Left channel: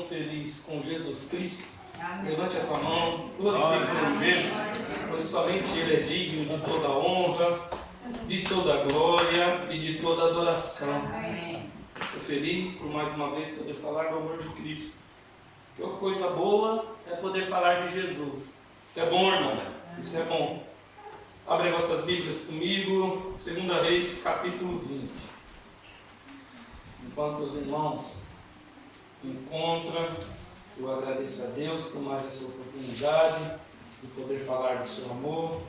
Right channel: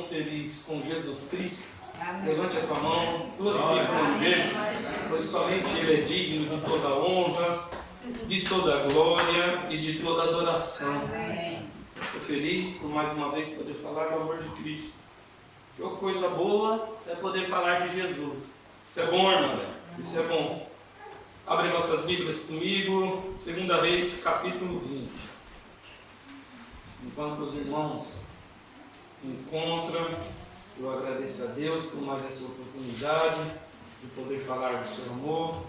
estão felizes com Jesus Cristo? Amém. Levante a tua mão, glorifique o nome dele, pois somente ele é digno de toda honra, de toda glória e de toda adoração. Amém. Estou feliz por mais uma vez poder falar do amor de Cristo. Que coisa boa é poder falar de Jesus. Isso é bom, irmãos? Isso é bom. Abrem vossas Bíblias comigo, 2 Reis, capítulo 20. Enquanto os irmãos encontram, eu agradeço a Deus por mais essa oportunidade de poder falar do seu amor.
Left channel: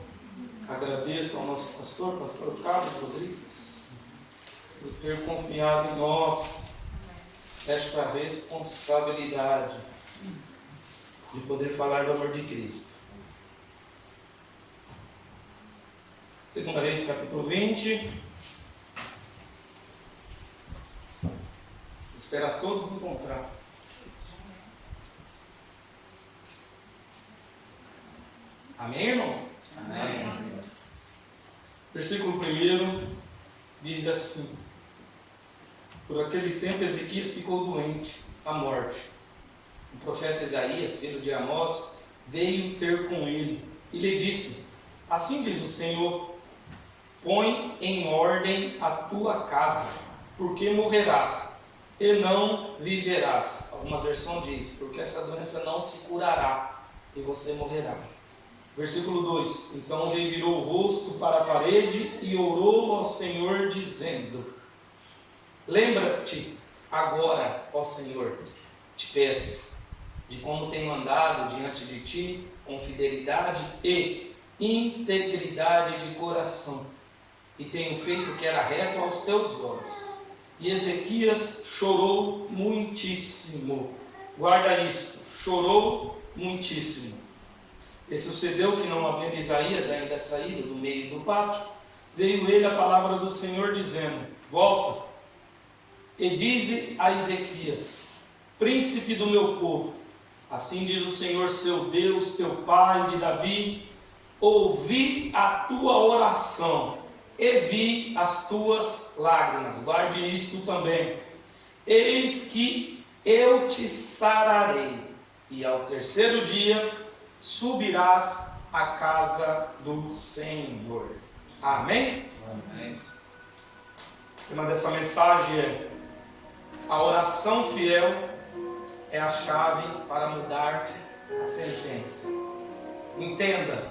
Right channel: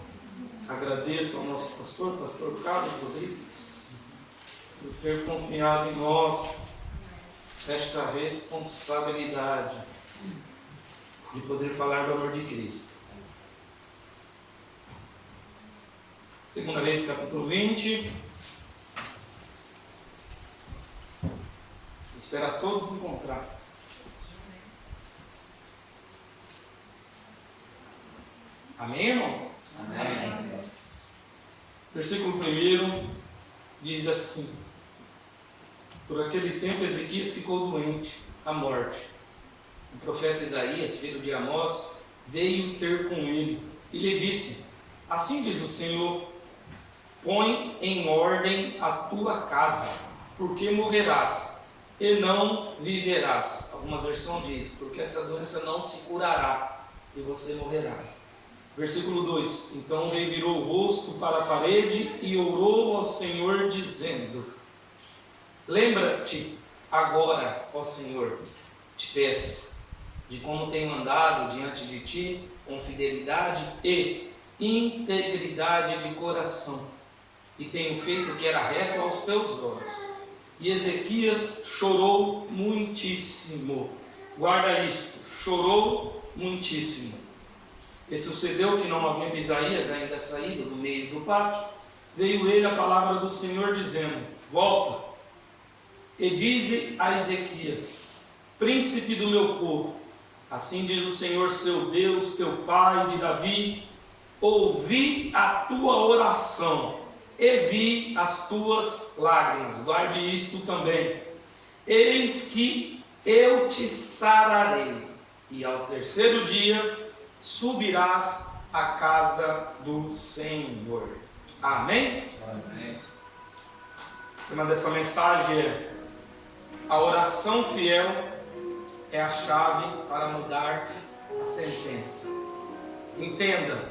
Agradeço ao nosso pastor Carlos Rodrigues, por ter confiado em nós esta responsabilidade de poder falar do amor de Cristo. 2 Reis, capítulo 20. Vou esperar todos encontrar. Amém, irmãos? Amém. Versículo 1 diz assim: Por aquele tempo Ezequias ficou doente, à morte. O profeta Isaías, filho de Amós, veio ter com ele e lhe disse: Assim diz o Senhor: Põe em ordem a tua casa, porque morrerás e não viverás. Alguma versão diz: porque essa doença não se curará e você morrerá. Versículo 2: Então o rei virou o rosto para a parede e orou ao Senhor, dizendo: Lembra-te agora, ó Senhor, te peço, de como tenho andado diante de ti com fidelidade e integridade de coração, e tenho feito o que era reto aos teus olhos. E Ezequias chorou muitíssimo. Guarda isto, chorou muitíssimo. E sucedeu que, não havendo Isaías ainda saído do meio do pátio, veio ele a palavra do Senhor, dizendo: Volta e dize a Ezequias, príncipe do meu povo, assim diz o Senhor seu Deus, teu pai de Davi: ouvi a tua oração e vi as tuas lágrimas. Guarde isto também. Eis que eu te sararei, e ao terceiro dia subirás à casa do Senhor. Amém? Amém. O tema dessa mensagem é: a oração fiel é a chave para mudar a sentença. Entenda,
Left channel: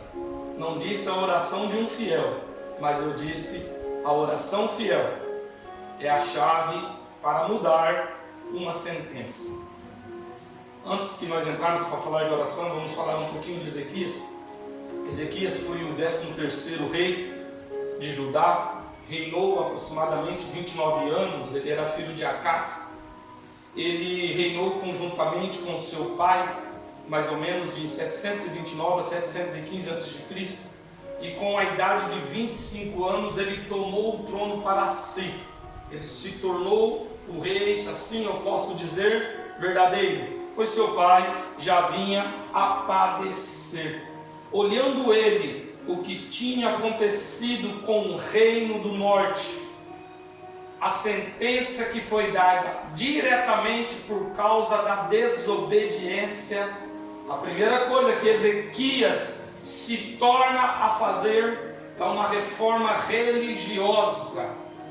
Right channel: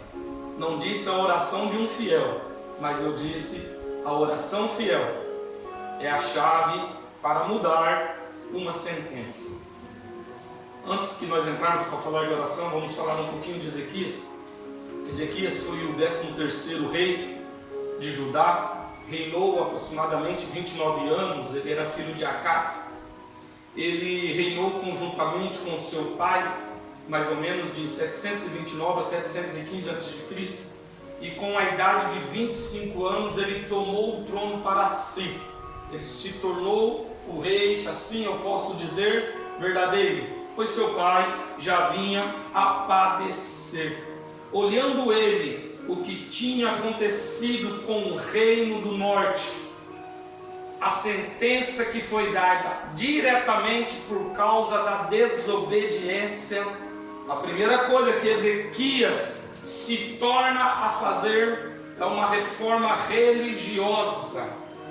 não disse a oração de um fiel, mas eu disse a oração fiel é a chave para mudar uma sentença. Antes que nós entrarmos para falar de oração, vamos falar um pouquinho de Ezequias. Ezequias foi o 13º rei de Judá, reinou aproximadamente 29 anos, ele era filho de Acás. Ele reinou conjuntamente com seu pai, mais ou menos de 729 a 715 a.C., e com a idade de 25 anos ele tomou o trono para si. Ele se tornou o rei, assim eu posso dizer, verdadeiro, pois seu pai já vinha a padecer. Olhando ele o que tinha acontecido com o reino do norte, a sentença que foi dada diretamente por causa da desobediência, a primeira coisa que Ezequias se torna a fazer é uma reforma religiosa.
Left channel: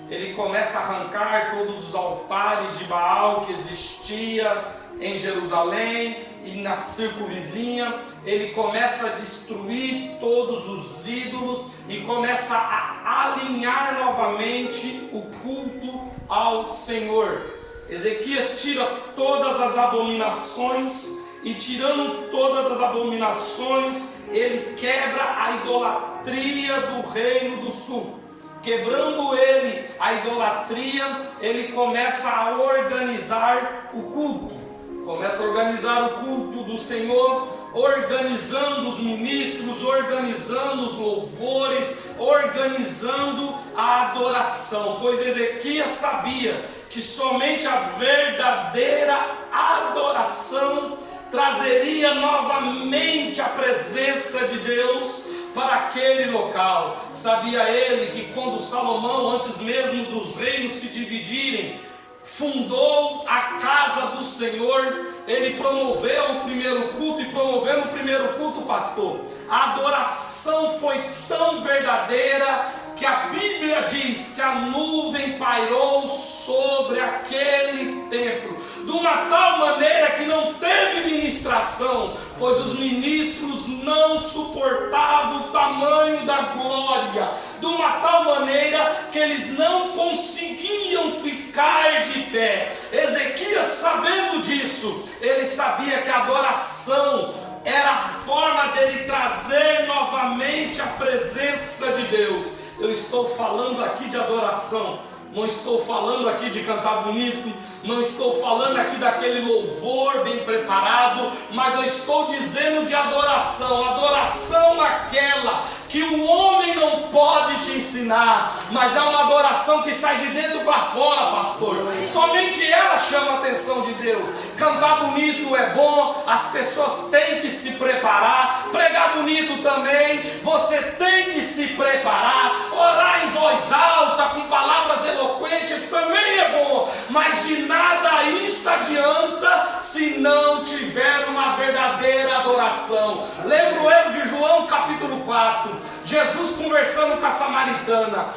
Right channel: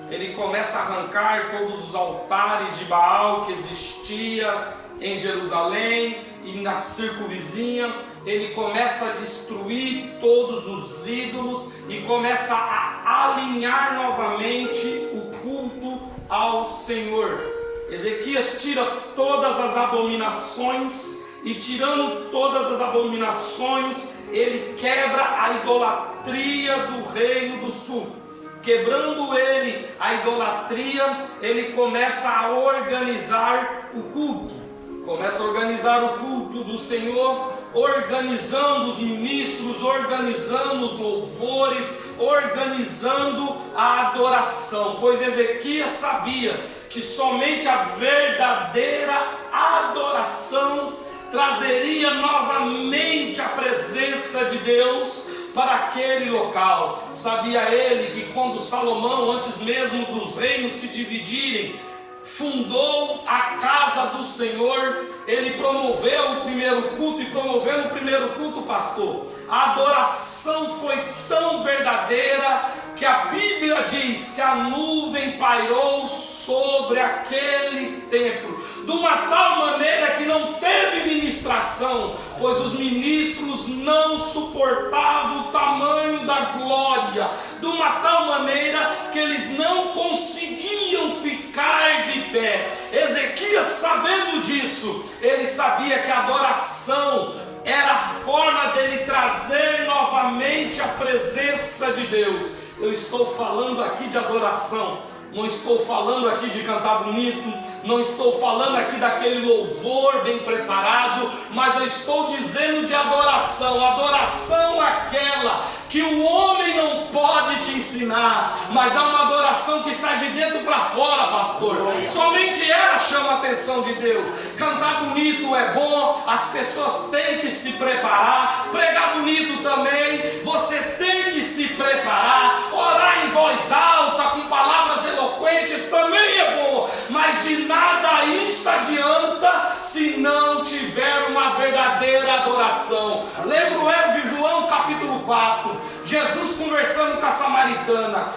Ele começa a arrancar todos os altares de Baal que existia em Jerusalém e na circunvizinha. Ele começa a destruir todos os ídolos e começa a alinhar novamente o culto ao Senhor. Ezequias tira todas as abominações, e tirando todas as abominações, ele quebra a idolatria do reino do sul. Quebrando ele a idolatria, ele começa a organizar o culto. Começa a organizar o culto do Senhor, organizando os ministros, organizando os louvores, organizando a adoração. Pois Ezequias sabia que somente a verdadeira adoração trazeria novamente a presença de Deus para aquele local. Sabia ele que quando Salomão, antes mesmo dos reinos se dividirem, fundou a casa do Senhor, ele promoveu o primeiro culto, e promovendo o primeiro culto, pastor, a adoração foi tão verdadeira que a Bíblia diz que a nuvem pairou sobre aquele templo, de uma tal maneira que não teve ministração, pois os ministros não suportavam o tamanho da glória, de uma tal maneira que eles não conseguiam ficar de pé. Ezequias, sabendo disso, ele sabia que a adoração era a forma dele trazer novamente a presença de Deus. Eu estou falando aqui de adoração, não estou falando aqui de cantar bonito, não estou falando aqui daquele louvor bem preparado, mas eu estou dizendo de adoração, adoração aquela que o homem não pode te ensinar, mas é uma adoração que sai de dentro para fora, pastor. Somente ela chama a atenção de Deus. Cantar bonito é bom, as pessoas têm que se preparar. Pregar bonito também, você tem que se preparar. Orar em voz alta, com palavras eloquentes também é bom, mas de nada isto adianta se não tiver uma verdadeira adoração. Lembro eu de João capítulo 4, Jesus conversando com a samaritana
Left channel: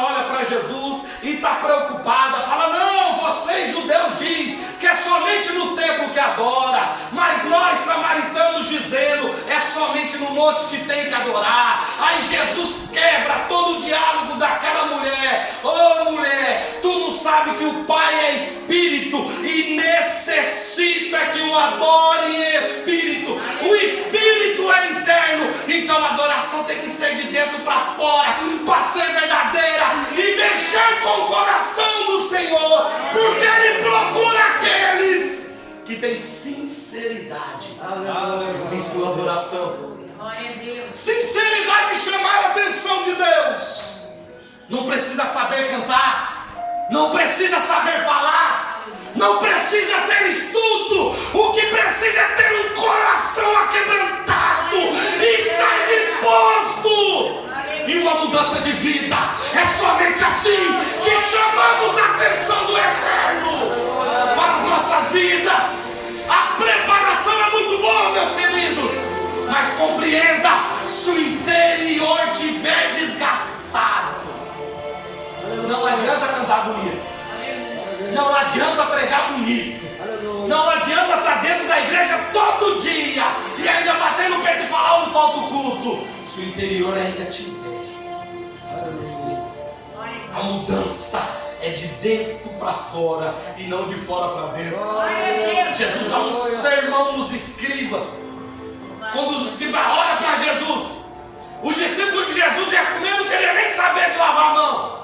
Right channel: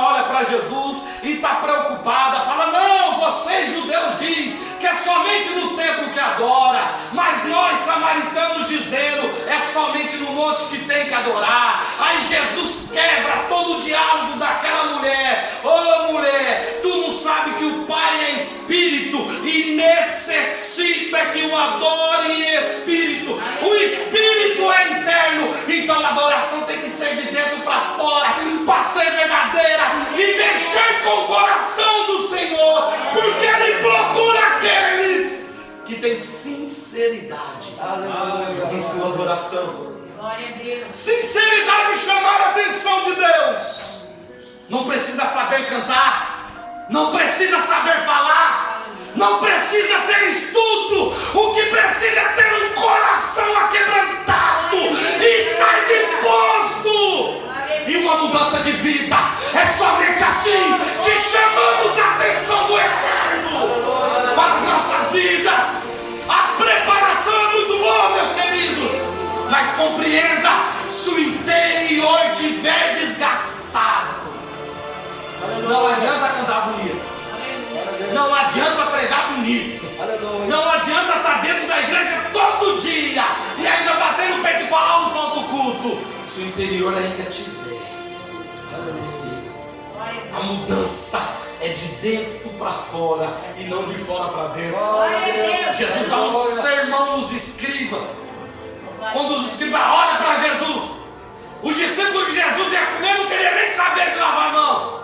olha para Jesus e está preocupada, fala: não, vocês judeus dizem que é somente no templo que adora, mas nós samaritanos dizendo é somente no monte que tem que adorar. Aí Jesus quebra todo o diálogo daquela mulher: ô mulher, tu não sabe que o Pai é Espírito e necessita que o adore em Espírito. O Espírito é interno, então a adoração tem que ser de dentro para fora, para ser verdadeira e mexer com o coração do Senhor, porque Ele procura aqueles que têm sinceridade em sua adoração. Glória a Deus. Sinceridade em chamar a atenção de Deus. Não precisa saber cantar, não precisa saber falar, não precisa ter estudo. O que precisa é ter um coração aquebrantado e estar disposto e uma mudança de vida. É somente assim que chamamos a atenção do Eterno para as nossas vidas. A preparação é muito boa, meus queridos, mas compreenda: se o interior estiver desgastado, não adianta cantar bonito, não adianta pregar bonito, não adianta estar dentro da igreja todo dia e ainda bater no peito e falar: não falta o culto. Se o interior ainda estiver adormecido, a mudança é de dentro para fora e não de fora para dentro. Jesus dá um sermão nos escribas. Quando os escribas olham para Jesus, os discípulos de Jesus iam comer, não queriam nem saber de lavar a mão.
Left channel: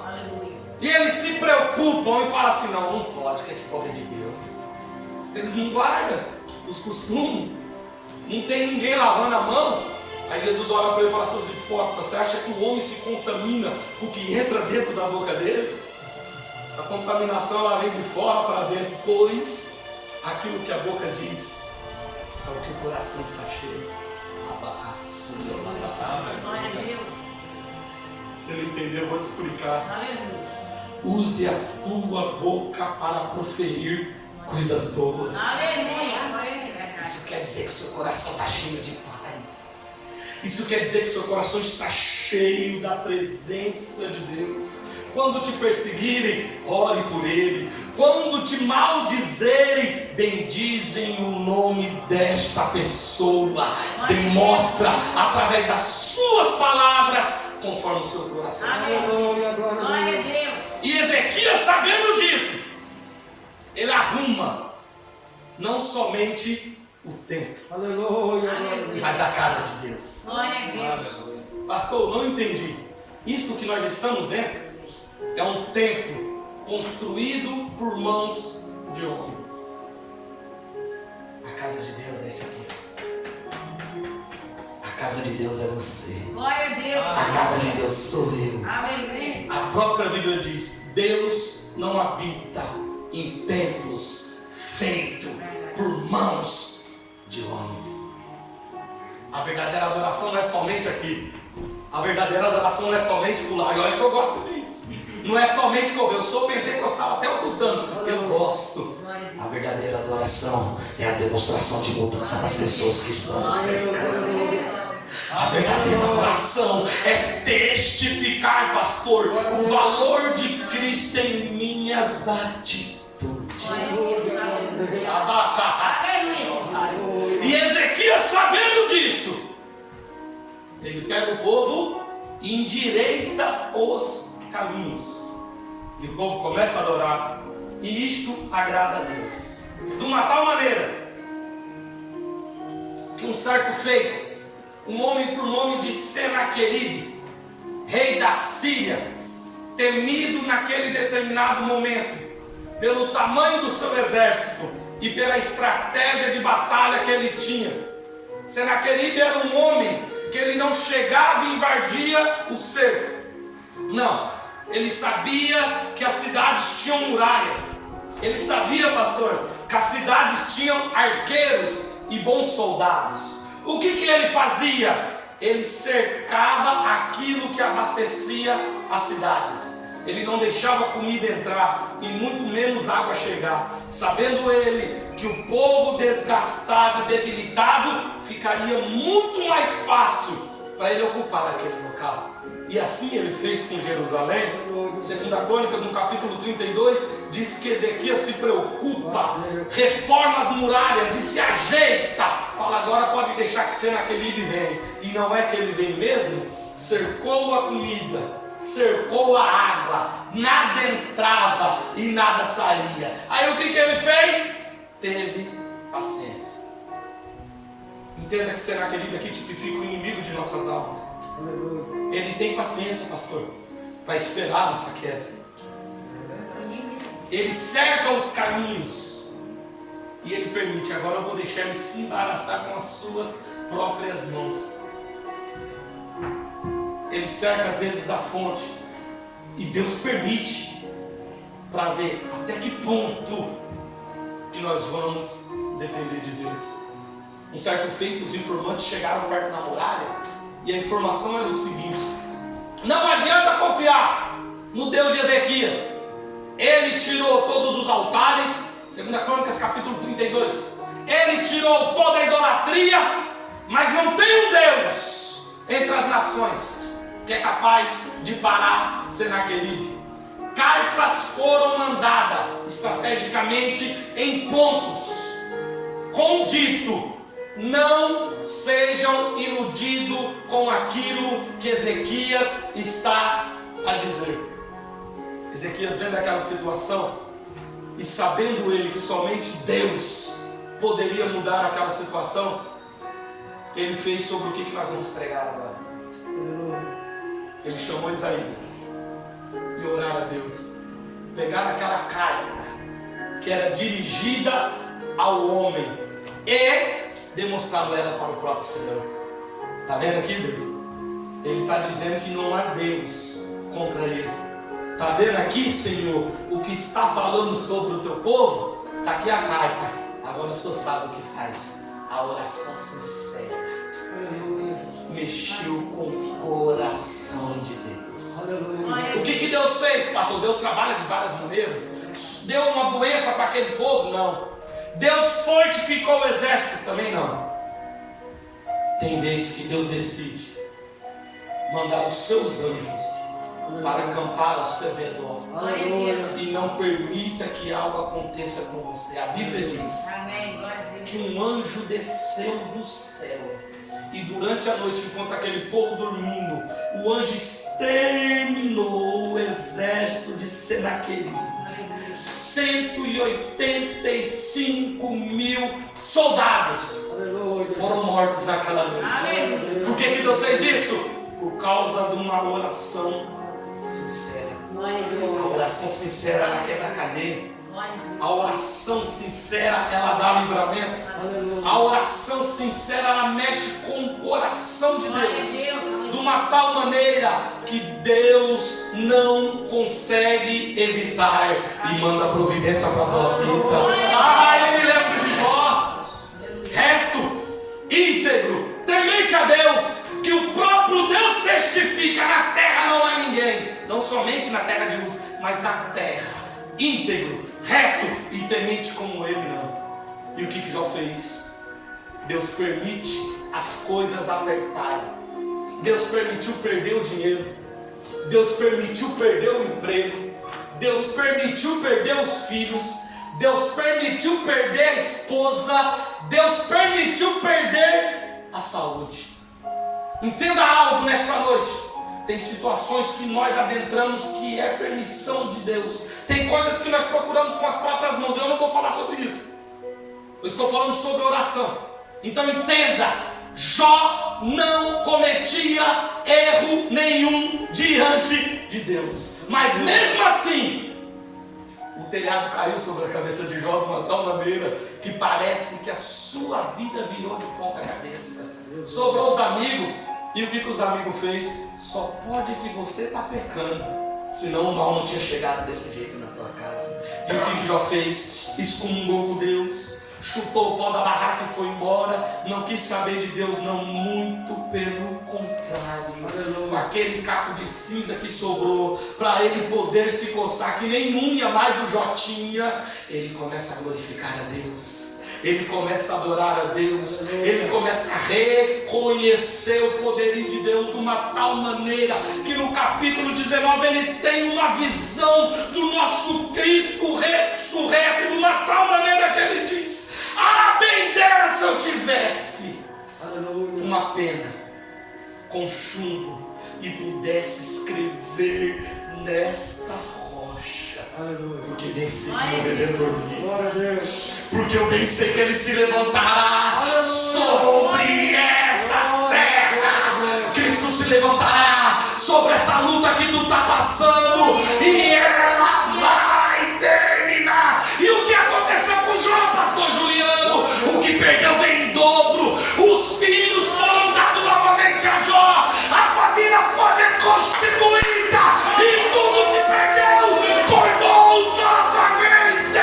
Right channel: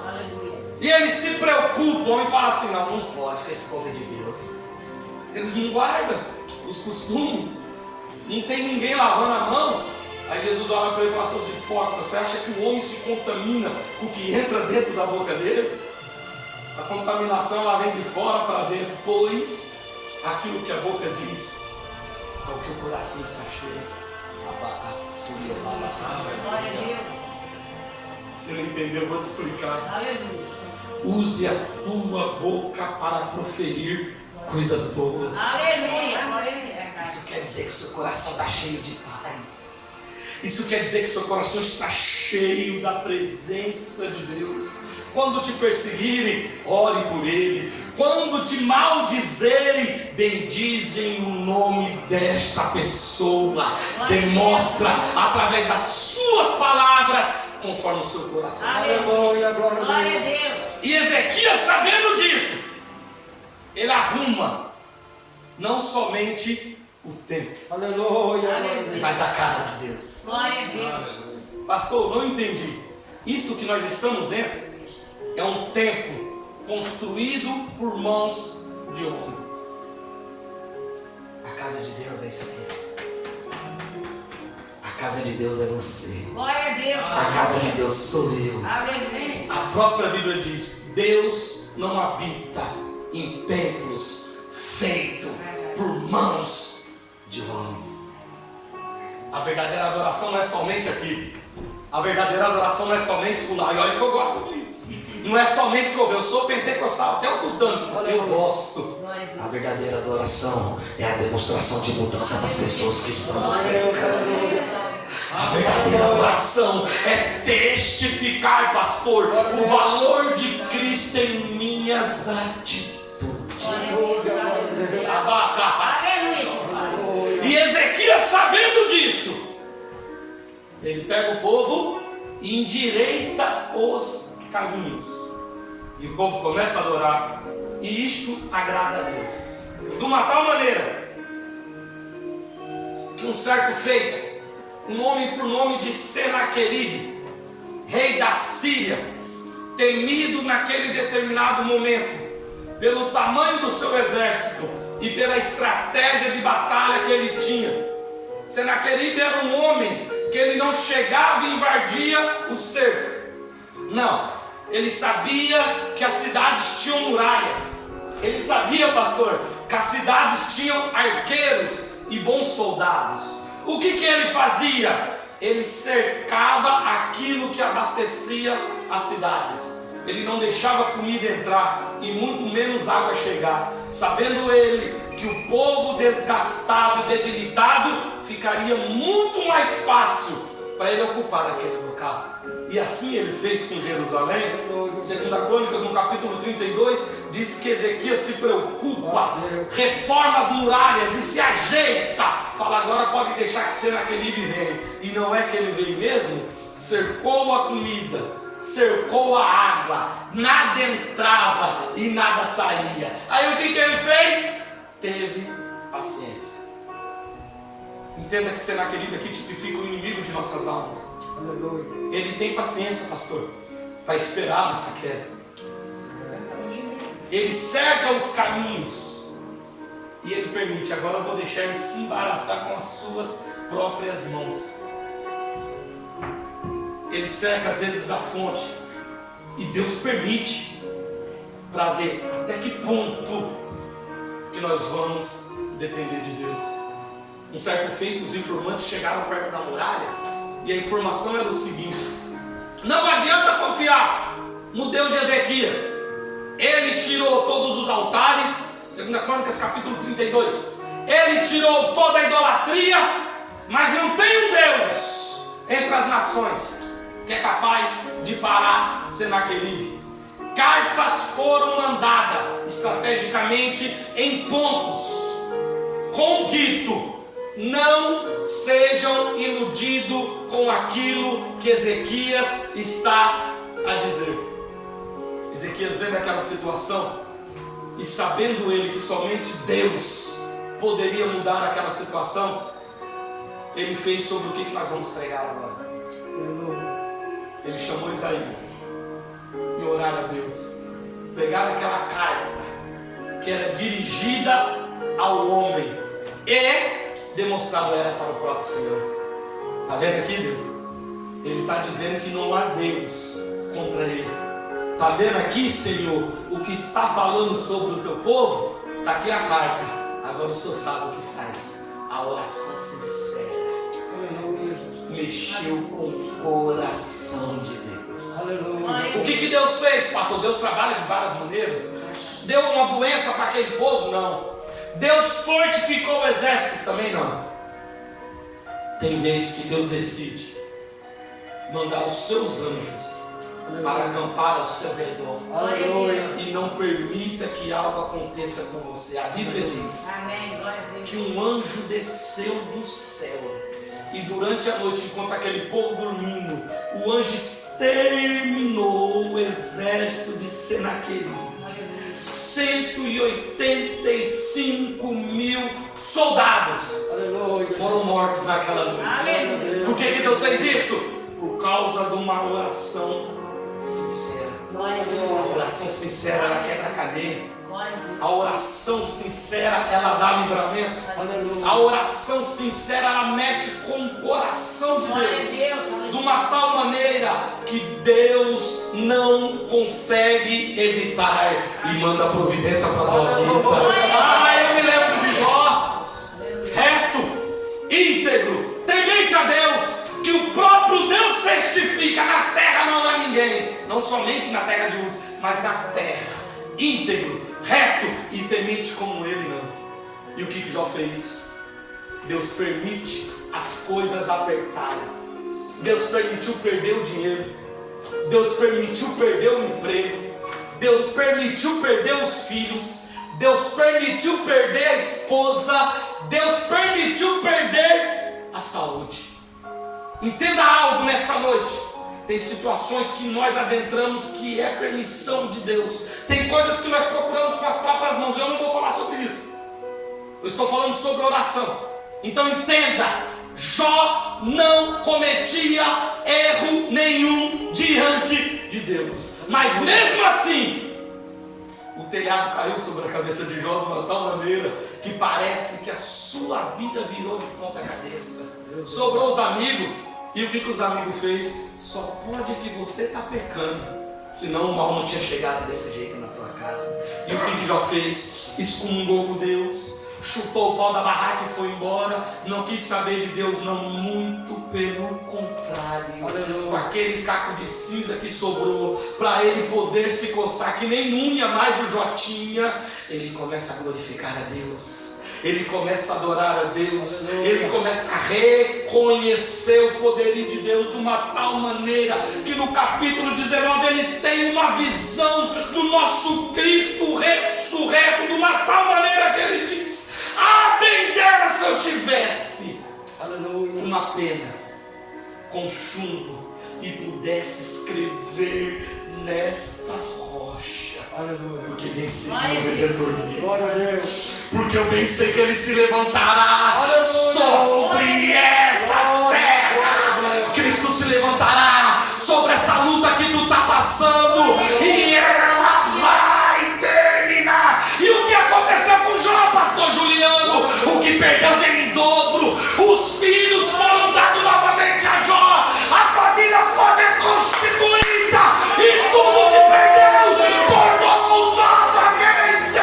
E eles se preocupam e falam assim: não pode, que esse povo é de Deus. Eles não guardam os costumes, não tem ninguém lavando a mão. Aí Jesus olha para ele e fala: seus hipócritas, você acha que o homem se contamina com o que entra dentro da boca dele? A contaminação ela vem de fora para dentro, pois aquilo que a boca diz é o que o coração está cheio. Glória a Deus. Se não entendeu, eu vou te explicar. Aleluia. Use a tua boca para proferir coisas boas. Aleluia. Isso quer dizer que o seu coração está cheio de paz. Isso quer dizer que o seu coração está cheio da presença de Deus. Quando te perseguirem, ore por ele. Quando te maldizerem, bendizem o nome desta pessoa. Demonstra através das suas palavras, conforme o seu coração. Aleluia. Glória a Deus. E Ezequias, sabendo disso, ele arruma não somente o templo, Aleluia. mas a casa de Deus. Glória a Deus. Pastor, não entendi. Isto que nós estamos dentro é um templo construído por mãos de homens. A casa de Deus é isso aqui. A casa de Deus é você. Glória a Deus. A casa de Deus sou eu. Aleluia. A própria Bíblia diz: Deus não habita em templos feitos por mãos de homens. A verdadeira adoração não é somente aqui. A verdadeira adoração não é somente pular. E olha que eu gosto disso. Não é somente que eu sou pentecostal, até o tutano. Eu gosto. A verdadeira adoração é a demonstração de mudança das pessoas que estão no céu. A verdadeira adoração é testificar, pastor, o valor de Cristo em minhas atitudes. E Ezequias, sabendo disso, ele pega o povo e endireita os caminhos. E o povo começa a adorar. E isto agrada a Deus. De uma tal maneira que um certo feito, um homem por nome de Senaqueribe, rei da Síria, temido naquele determinado momento pelo tamanho do seu exército e pela estratégia de batalha que ele tinha. Senaqueribe era um homem que ele não chegava e invadia o cerco. Não, ele sabia que as cidades tinham muralhas. Ele sabia, pastor, que as cidades tinham arqueiros e bons soldados. O que ele fazia? Ele cercava aquilo que abastecia as cidades. Ele não deixava comida entrar e muito menos água chegar, sabendo ele que o povo desgastado e debilitado ficaria muito mais fácil para ele ocupar aquele local. E assim ele fez com Jerusalém. 2 Crônicas, no capítulo 32, diz que Ezequias se preocupa, reforma as muralhas e se ajeita. Fala, agora pode deixar que Senaqueribe vem. E não é que ele veio mesmo? Cercou a comida, cercou a água, nada entrava e nada saía. Aí o que ele fez? Teve paciência. Entenda que Senaqueribe aqui tipifica o inimigo de nossas almas. Ele tem paciência, pastor, para esperar nossa queda. Ele cerca os caminhos e ele permite. Agora eu vou deixar ele se embaraçar com as suas próprias mãos. Ele cerca às vezes a fonte e Deus permite para ver até que ponto que nós vamos depender de Deus. Um certo feito, os informantes chegaram perto da muralha e a informação era o seguinte: não adianta confiar no Deus de Ezequias. Ele tirou todos os altares, 2 Crônicas capítulo 32. Ele tirou toda a idolatria, mas não tem um Deus entre as nações que é capaz de parar Senaqueribe. Cartas foram mandadas estrategicamente em pontos, com dito: não sejam iludidos com aquilo que Ezequias está a dizer. Ezequias vendo aquela situação e sabendo ele que somente Deus poderia mudar aquela situação, ele fez sobre o que nós vamos pregar agora. Ele chamou Isaías e oraram a Deus. Pegaram aquela carta que era dirigida ao homem e demonstraram ela para o próprio Senhor. Está vendo aqui, Deus? Ele está dizendo que não há Deus contra ele. Está vendo aqui, Senhor, o que está falando sobre o teu povo? Está aqui a carta. Agora o Senhor sabe o que faz. A oração sincera mexeu com o coração de Deus. O que Deus fez, pastor? Deus trabalha de várias maneiras. Deu uma doença para aquele povo? Não. Deus fortificou o exército? Também não. Tem vezes que Deus decide mandar os seus anjos para acampar ao seu redor. E não permita que algo aconteça com você. A Bíblia diz que um anjo desceu do céu e durante a noite, enquanto aquele povo dormindo, o anjo exterminou o exército de Senaqueribe. 185.000 soldados foram mortos naquela noite. Por que Deus fez isso? Por causa de uma oração sincera. A oração sincera, ela quebra a cadeia. A oração sincera, ela dá livramento. A oração sincera, ela mexe com o coração de Deus de uma tal maneira que Deus não consegue evitar e manda providência para a tua vida. Eu me lembro de Jó, reto, íntegro, temente a Deus, que o próprio Deus testifica na terra terra não há ninguém, não somente na terra de Uz, mas na terra, íntegro, reto e temente como ele não. E o que Jó fez? Deus permite as coisas apertarem. Deus permitiu perder o dinheiro. Deus permitiu perder o emprego. Deus permitiu perder os filhos. Deus permitiu perder a esposa. Deus permitiu perder a saúde. Entenda algo nesta noite. Tem situações que nós adentramos que é permissão de Deus. Tem coisas que nós procuramos com as próprias mãos. Eu não vou falar sobre isso. Eu estou falando sobre oração. Então entenda, Jó não cometia erro nenhum diante de Deus. Mas mesmo assim, o telhado caiu sobre a cabeça de Jó de uma tal maneira que parece que a sua vida virou de ponta cabeça. Sobrou os amigos. E o que os amigos fez? Só pode que você está pecando, senão o mal não tinha chegado desse jeito na tua casa. E o que Jó fez? Excomungou com Deus, chutou o pau da barraca e foi embora. Não quis saber de Deus, não, muito pelo contrário. Com aquele caco de cinza que sobrou, para ele poder se coçar, que nem unha mais o Jó tinha, ele começa a glorificar a Deus. Ele começa a adorar a Deus. Ele começa a reconhecer o poderio de Deus de uma tal maneira que no capítulo 19 ele tem uma visão do nosso Cristo ressurreto de uma tal maneira que ele diz: ah, bem dera se eu tivesse uma pena com chumbo e pudesse escrever nesta rocha. Porque bem sei que o Redentor vive. Porque eu bem sei que ele se levantará sobre essa terra. Cristo se levantará sobre essa luta que tu está passando, e ela vai terminar. E o que aconteceu com Jó, pastor Juliano? O que perdeu vem em dobro. Os filhos foram dados novamente a Jó. A família foi reconstituída. E tudo que perdeu tornou novamente.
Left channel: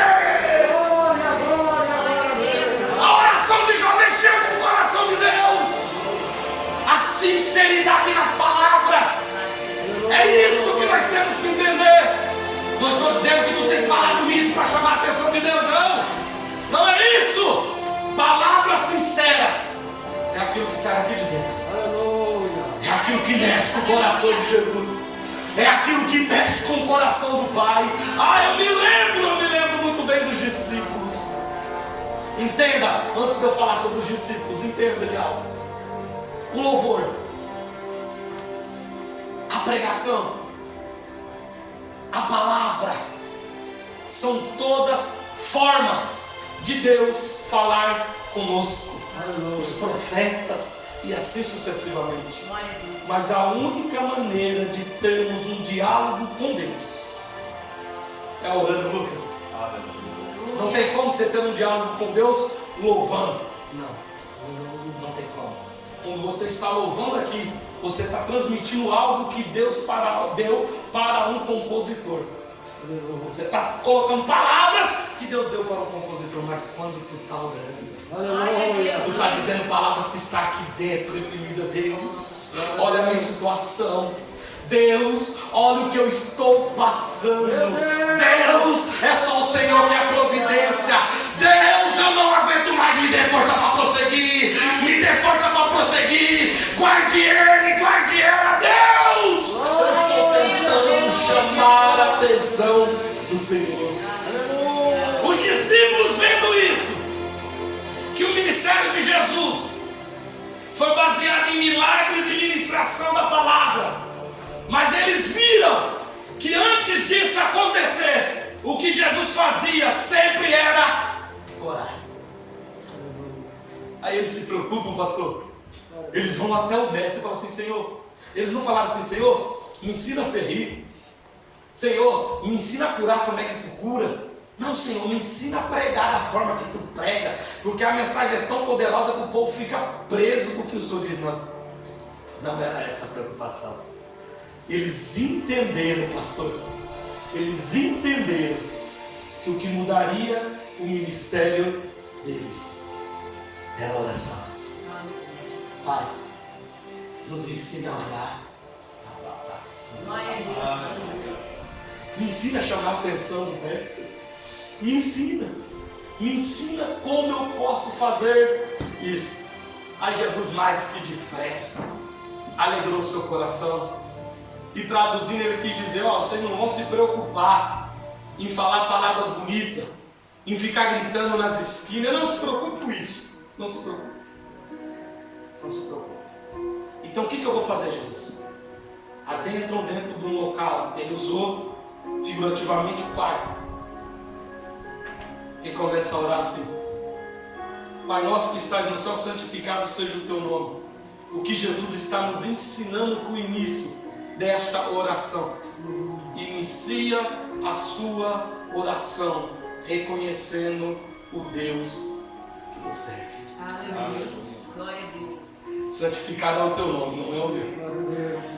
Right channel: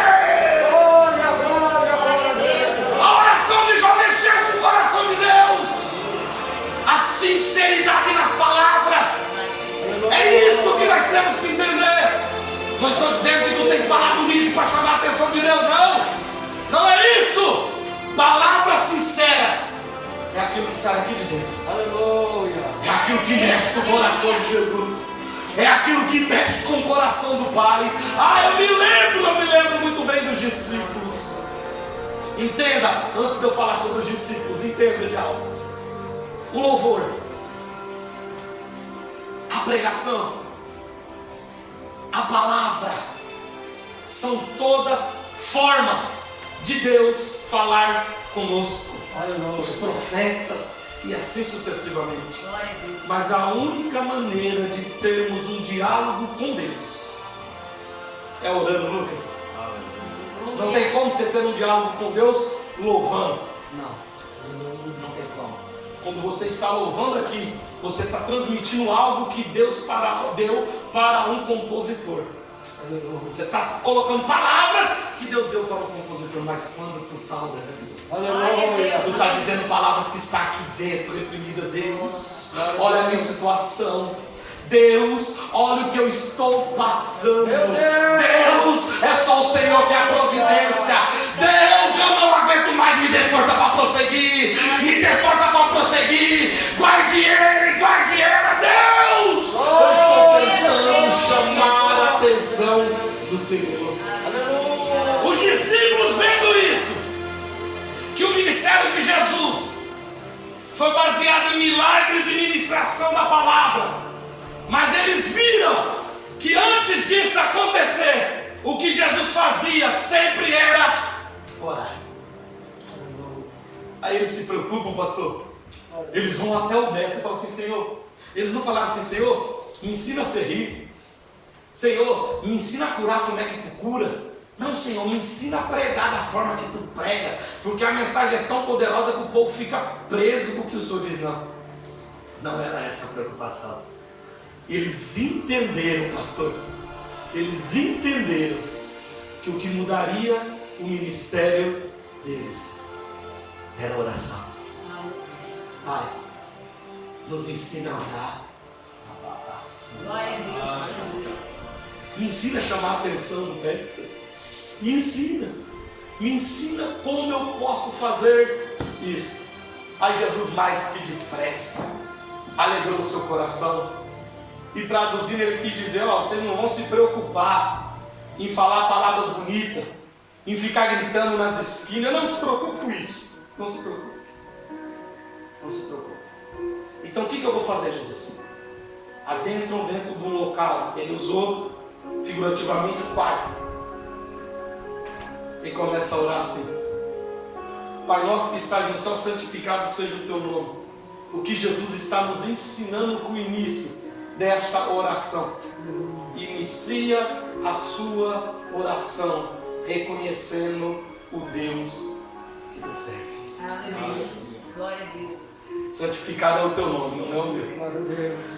A oração de Jó mexeu com o coração de Deus. A sinceridade nas palavras. É isso que nós temos que entender. Não estou dizendo que tu tem que falar bonito para chamar a atenção de Deus, não. Não é isso. Palavras sinceras é aquilo que sai aqui de dentro. É aquilo que mexe com o coração de Jesus. É aquilo que mexe com o coração do Pai. Ah, eu me lembro muito bem dos discípulos. Entenda, antes de eu falar sobre os discípulos, entenda de algo. O louvor, a pregação, a palavra, são todas formas de Deus falar conosco. Os profetas e assim sucessivamente. Mas a única maneira de termos um diálogo com Deus é orando, Lucas. Não tem como você ter um diálogo com Deus louvando. Não tem como. Quando você está louvando aqui, você está transmitindo algo que Deus deu para um compositor. Você está colocando palavras que Deus deu para o compositor. Mas quando tu está orando, tu está dizendo palavras que está aqui dentro, reprimida. Deus, olha a minha situação. Deus, olha o que eu estou passando. Deus, é só o Senhor que é a providência. Deus, eu não aguento mais, me dê força para prosseguir. Me dê força para prosseguir. Guarde ele, guarde ela. Deus, eu estou tentando chamar a atenção do Senhor. Os discípulos vendo isso, que o ministério de Jesus foi baseado em milagres e ministração da palavra, mas eles viram que antes disso acontecer, o que Jesus fazia sempre era orar. Aí eles se preocupam, pastor. Eles vão até o mestre e falam assim: Senhor, eles não falaram assim: Senhor, me ensina a ser rico. Senhor, me ensina a curar como é que tu cura. Não, Senhor, me ensina a pregar da forma que tu prega, porque a mensagem é tão poderosa que o povo fica preso com o que o Senhor diz. Não era essa a preocupação. Eles entenderam, pastor, eles entenderam que o que mudaria o ministério deles era a oração. Pai, nos ensina a orar. Glória a Deus. Aleluia. Me ensina a chamar a atenção do mestre. Me ensina. Me ensina como eu posso fazer isso. Aí Jesus, mais que depressa, alegrou o seu coração. E traduzindo, ele quis dizer: ó, vocês não vão se preocupar em falar palavras bonitas, em ficar gritando nas esquinas. Não se preocupe com isso. Não se preocupe. Não se preocupe. Então o que eu vou fazer, Jesus? Adentram dentro de um local. Ele usou figurativamente o quarto. E começa a orar assim: Pai nosso que estás no céu, santificado seja o teu nome. O que Jesus está nos ensinando com o início desta oração. Inicia a sua oração reconhecendo o Deus que tu serve. Aleluia. Glória a Deus. Santificado é o teu nome, não é o meu.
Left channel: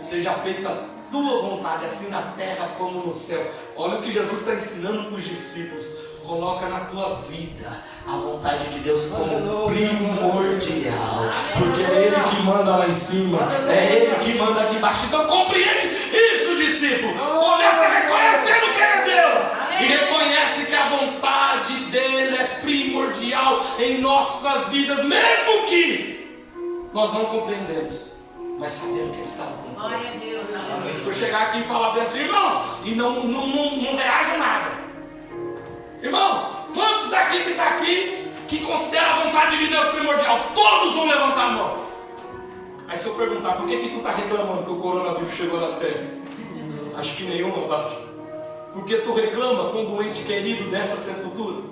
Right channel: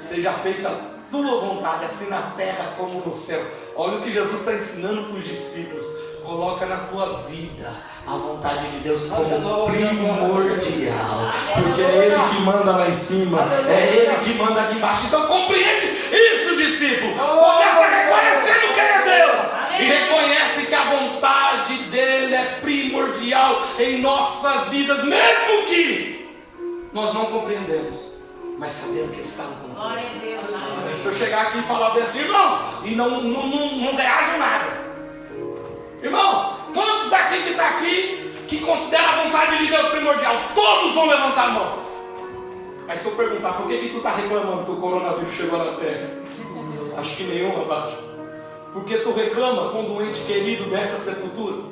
Seja feita a tua vontade, assim na terra como no céu. Olha o que Jesus está ensinando para os discípulos. Coloca na tua vida a vontade de Deus como primordial. Porque é Ele que manda lá em cima, é Ele que manda aqui embaixo. Então compreende isso, discípulo. Começa reconhecendo quem é Deus. E reconhece que a vontade dEle é primordial em nossas vidas, mesmo que nós não compreendemos, mas sabemos que Ele está no controle. Glória a Deus. Aleluia. Se eu chegar aqui e falar bem assim, irmãos, e não reagem nada. Irmãos, quantos aqui que está aqui que considera a vontade de Deus primordial? Todos vão levantar a mão. Aí se eu perguntar, por que tu está reclamando que o coronavírus chegou na terra? Acho que nenhum, abaixo. Porque tu reclama quando um ente querido dessa sepultura?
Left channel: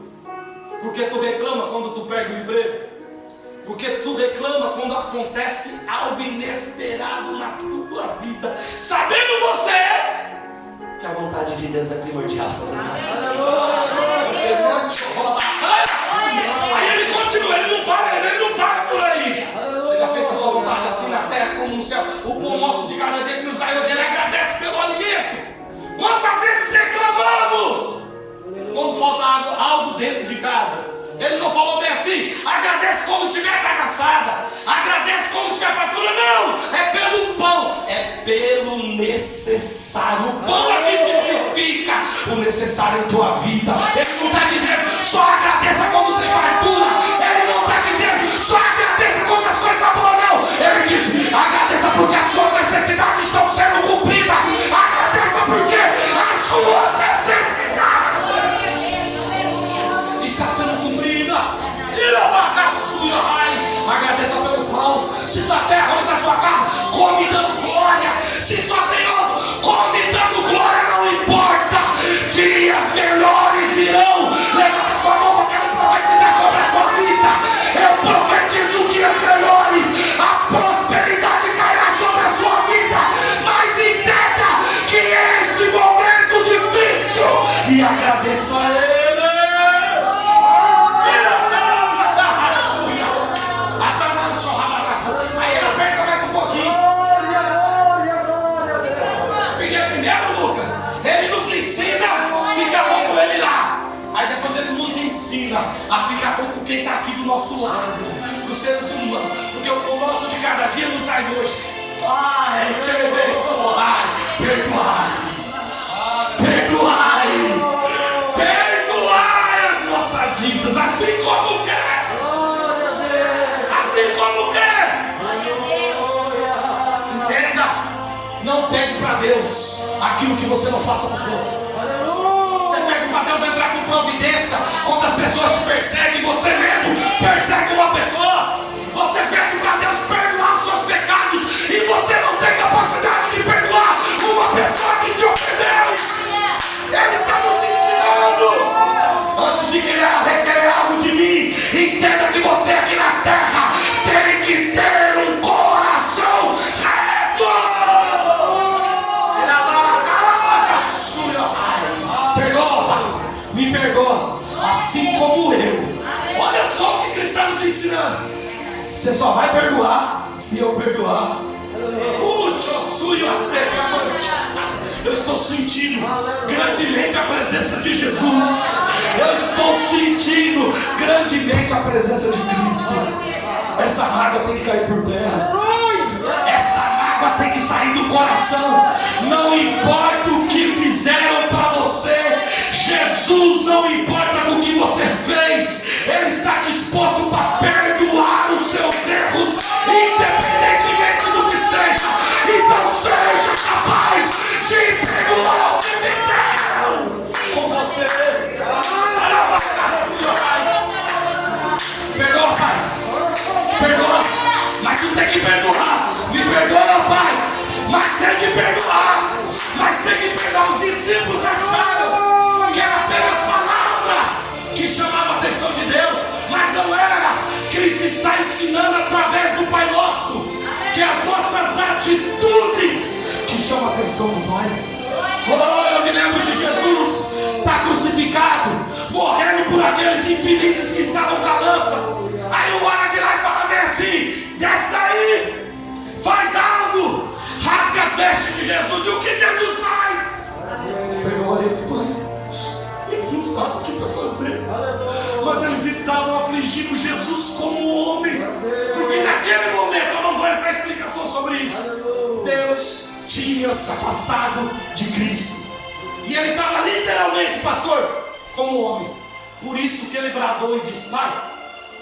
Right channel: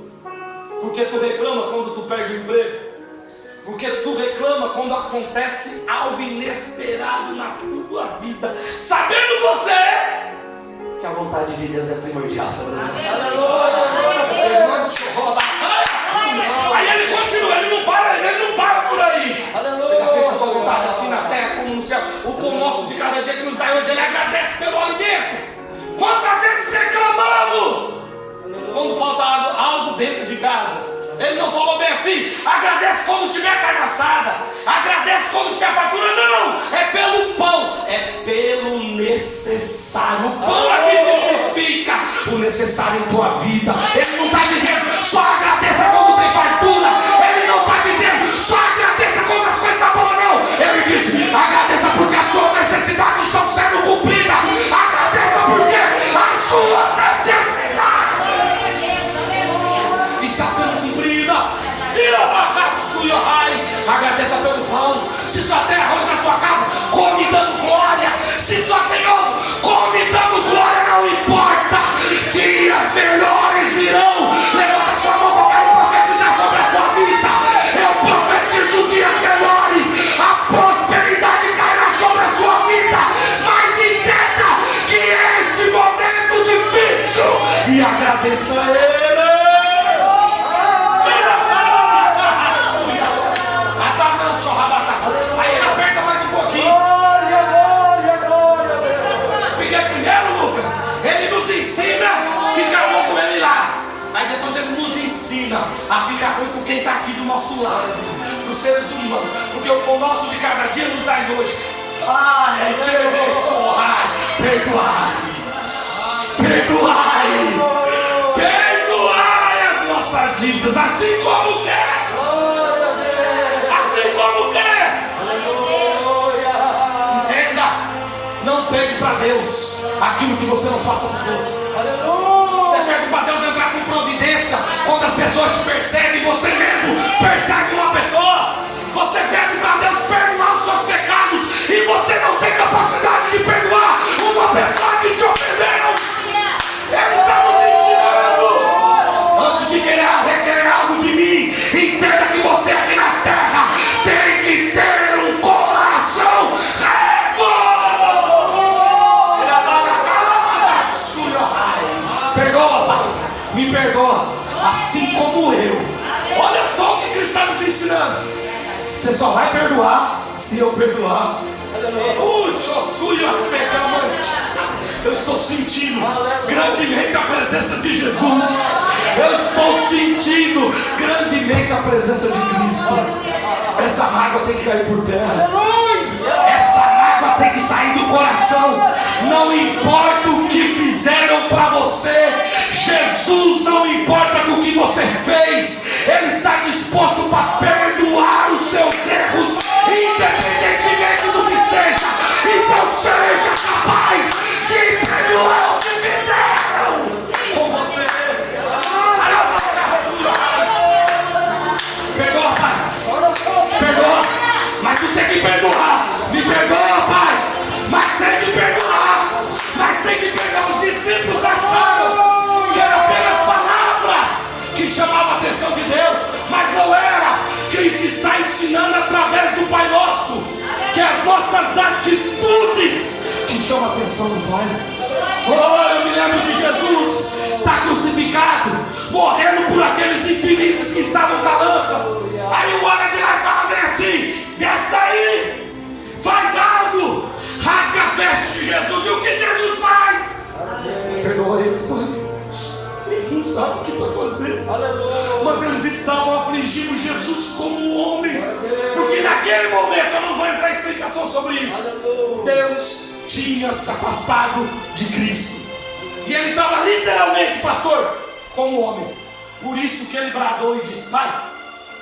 Porque tu reclama quando tu perde o emprego? Porque tu reclama quando acontece algo inesperado na tua vida, sabendo você que a vontade de Deus é primordial sobre nós. Aí ele continua, ele não para por aí. Seja feita a sua vontade assim na terra como no céu. O pão nosso de cada dia que nos dá hoje, Ele agradece pelo alimento. Quantas vezes reclamamos quando falta algo dentro de casa? Ele não falou bem assim: agradece quando tiver carne assada, agradece quando tiver fartura. Não, é pelo pão, é pelo necessário. O pão aqui significa o necessário em tua vida. Ele não está dizendo só agradeça quando tem fartura. Ele não está dizendo só agradeça quando as coisas estão boas, não. Ele diz: agradeça porque as suas necessidades estão sendo cumpridas. Agradeça porque as suas necessidades estão sendo cumpridas. Agradeça pelo pão. Se só tem arroz na sua casa, come dando glória. Se só tem ovo, come dando glória. Não importa. Dias melhores virão. Levanta sua mão que eu quero profetizar sobre a sua vida. Eu profetizo dias melhores. A prosperidade cairá sobre a sua vida. Mas entenda que este momento difícil, e agradeça a Ele. Aí ele aperta mais um pouquinho. Fica primeiro, Lucas. Ele nos ensina a ficar bom com ele lá. Aí depois ele nos ensina a ficar bom com quem está aqui do nosso lado, dos seres humanos. Porque o pão nosso de cada dia nos dá hoje. Ai, te abençoai, perdoai, perdoai, perdoai as nossas dívidas, assim como quer. Assim como quer. Entenda, não pede para Deus aquilo que você não faça para os outros. Você pede para Deus entrar com providência quando as pessoas te perseguem, você mesmo persegue uma pessoa. Você pede para Deus perdoar os seus pecados e você não tem capacidade de perdoar uma pessoa que te ofendeu. Ele está nos ensinando. Antes de querer requerer algo de mim, entenda que você aqui na terra tem que ter um coração reto. Perdoa, Pai. Me perdoa, assim como eu. Olha só o que Cristo está nos ensinando. Você só vai perdoar se eu perdoar. Eu estou sentindo grandemente a presença de Jesus. Eu estou sentindo grandemente a presença de Cristo. Essa mágoa tem que cair por terra. Essa mágoa tem que sair do coração. ensinando através do Pai Nosso que as nossas atitudes que chamam a atenção do Pai. Oh, eu me lembro de Jesus, está crucificado, morrendo por aqueles infelizes que estavam com a lança. Aí o olha de lá e fala bem assim: desce daí, faz algo, rasga as vestes de Jesus. E o que Jesus faz? Perdoa eles, Pai. Eles não sabem o que está fazendo, mas eles estavam afligindo Jesus como homem, porque naquele momento, eu não vou entrar em explicação sobre isso, Deus tinha se afastado de Cristo, e ele estava literalmente, pastor, como homem. Por isso que ele bradou e disse: Pai,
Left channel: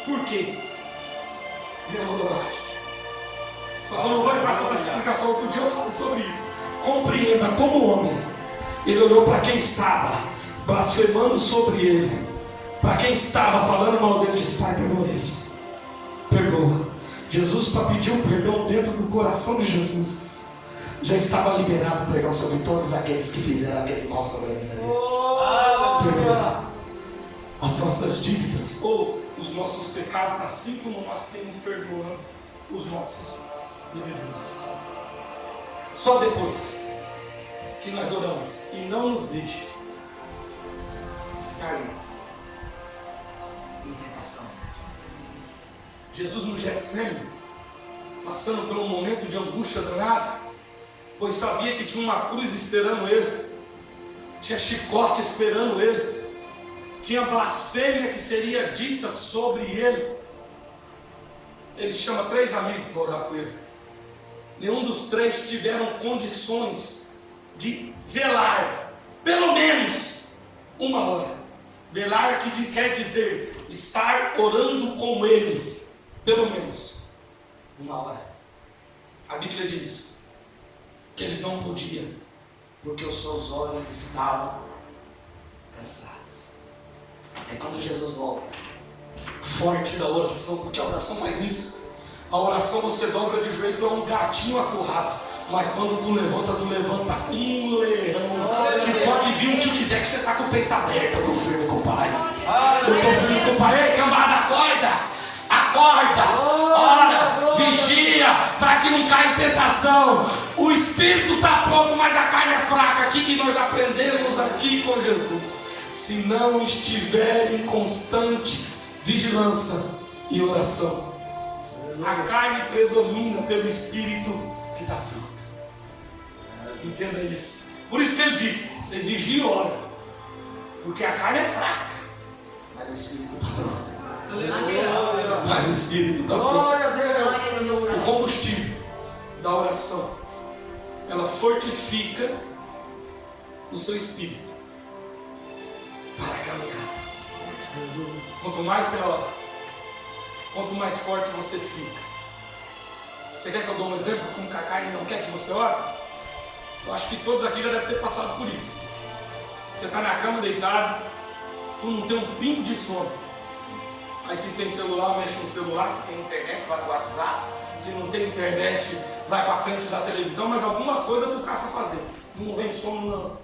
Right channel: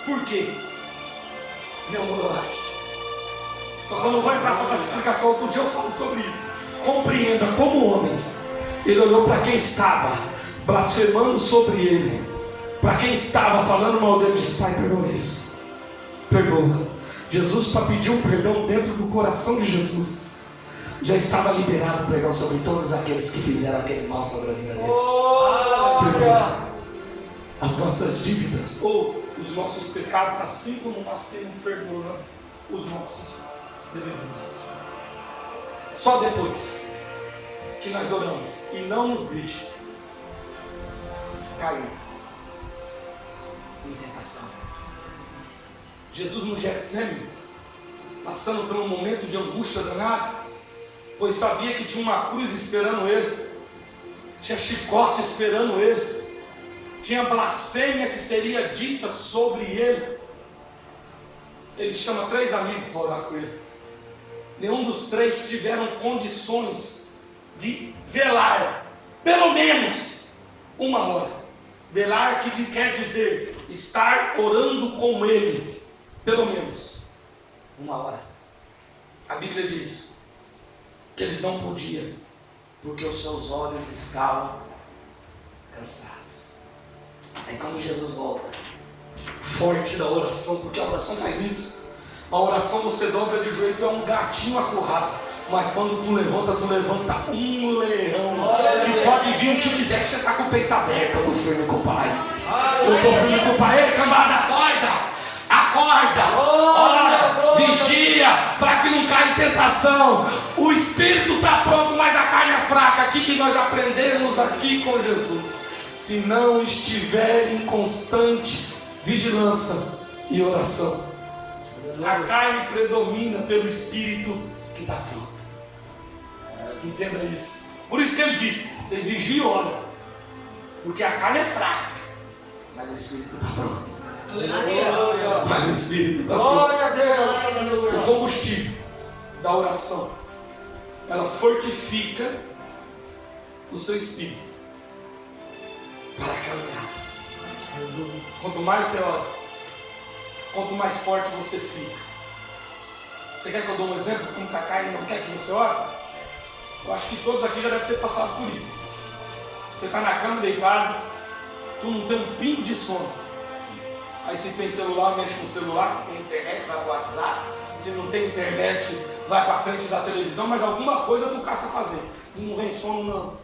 por quê? Me adoraste. Só que eu não vou entrar sobre essa explicação, outro dia eu falo sobre isso. Compreenda, como homem, ele olhou para quem estava blasfemando sobre ele, para quem estava falando mal dele, disse: Pai, perdoa eles, perdoa. Jesus, para pedir um perdão dentro do coração de Jesus, já estava liberado perdão sobre todos aqueles que fizeram aquele mal sobre a vida dele. Perdoa as nossas dívidas ou os nossos pecados, assim como nós temos perdoando os nossos devedores. Só depois que nós oramos e não nos deixe cair em tentação. Jesus no Getsemane, passando por um momento de angústia danada, pois sabia que tinha uma cruz esperando ele, tinha chicote esperando ele, tinha blasfêmia que seria dita sobre ele. Ele chama 3 amigos para orar com ele. Nenhum dos 3 tiveram condições de velar pelo menos 1 hora. Velar que quer dizer estar orando com ele pelo menos 1 hora. A Bíblia diz que eles não podiam, porque os seus olhos estavam cansados. Aí quando Jesus volta, forte da oração, porque a oração faz isso. A oração você dobra de joelho, é um gatinho acurrado. Mas quando tu levanta um leão que pode vir o que quiser, que você está com o peito aberto. Eu estou firme com o Pai. Eu estou firme com o Pai. Ei, cambada, acorda, ora, vigia, para que não caia em tentação. O espírito está pronto, mas a carne é fraca. Aqui que nós aprendemos aqui com Jesus: se não estiver em constante vigilância e oração, a carne predomina pelo espírito que está pronto. Entenda isso. Por isso que ele diz: vocês vigiam e oram, porque a carne é fraca, mas o espírito está pronto. Mas o espírito está pronto. O combustível da oração, ela fortifica o seu espírito para a caminhada. Quanto mais você ora, quanto mais forte você fica. Você quer que eu dê um exemplo como que a carne não quer que você ore? Eu acho que todos aqui já devem ter passado por isso. Você está na cama deitado, tu não tem um pingo de sono. Aí se tem celular, mexe no celular. Se tem internet, vai para o WhatsApp. Se não tem internet, vai para frente da televisão. Mas alguma coisa tu caça fazer. E não vem sono não.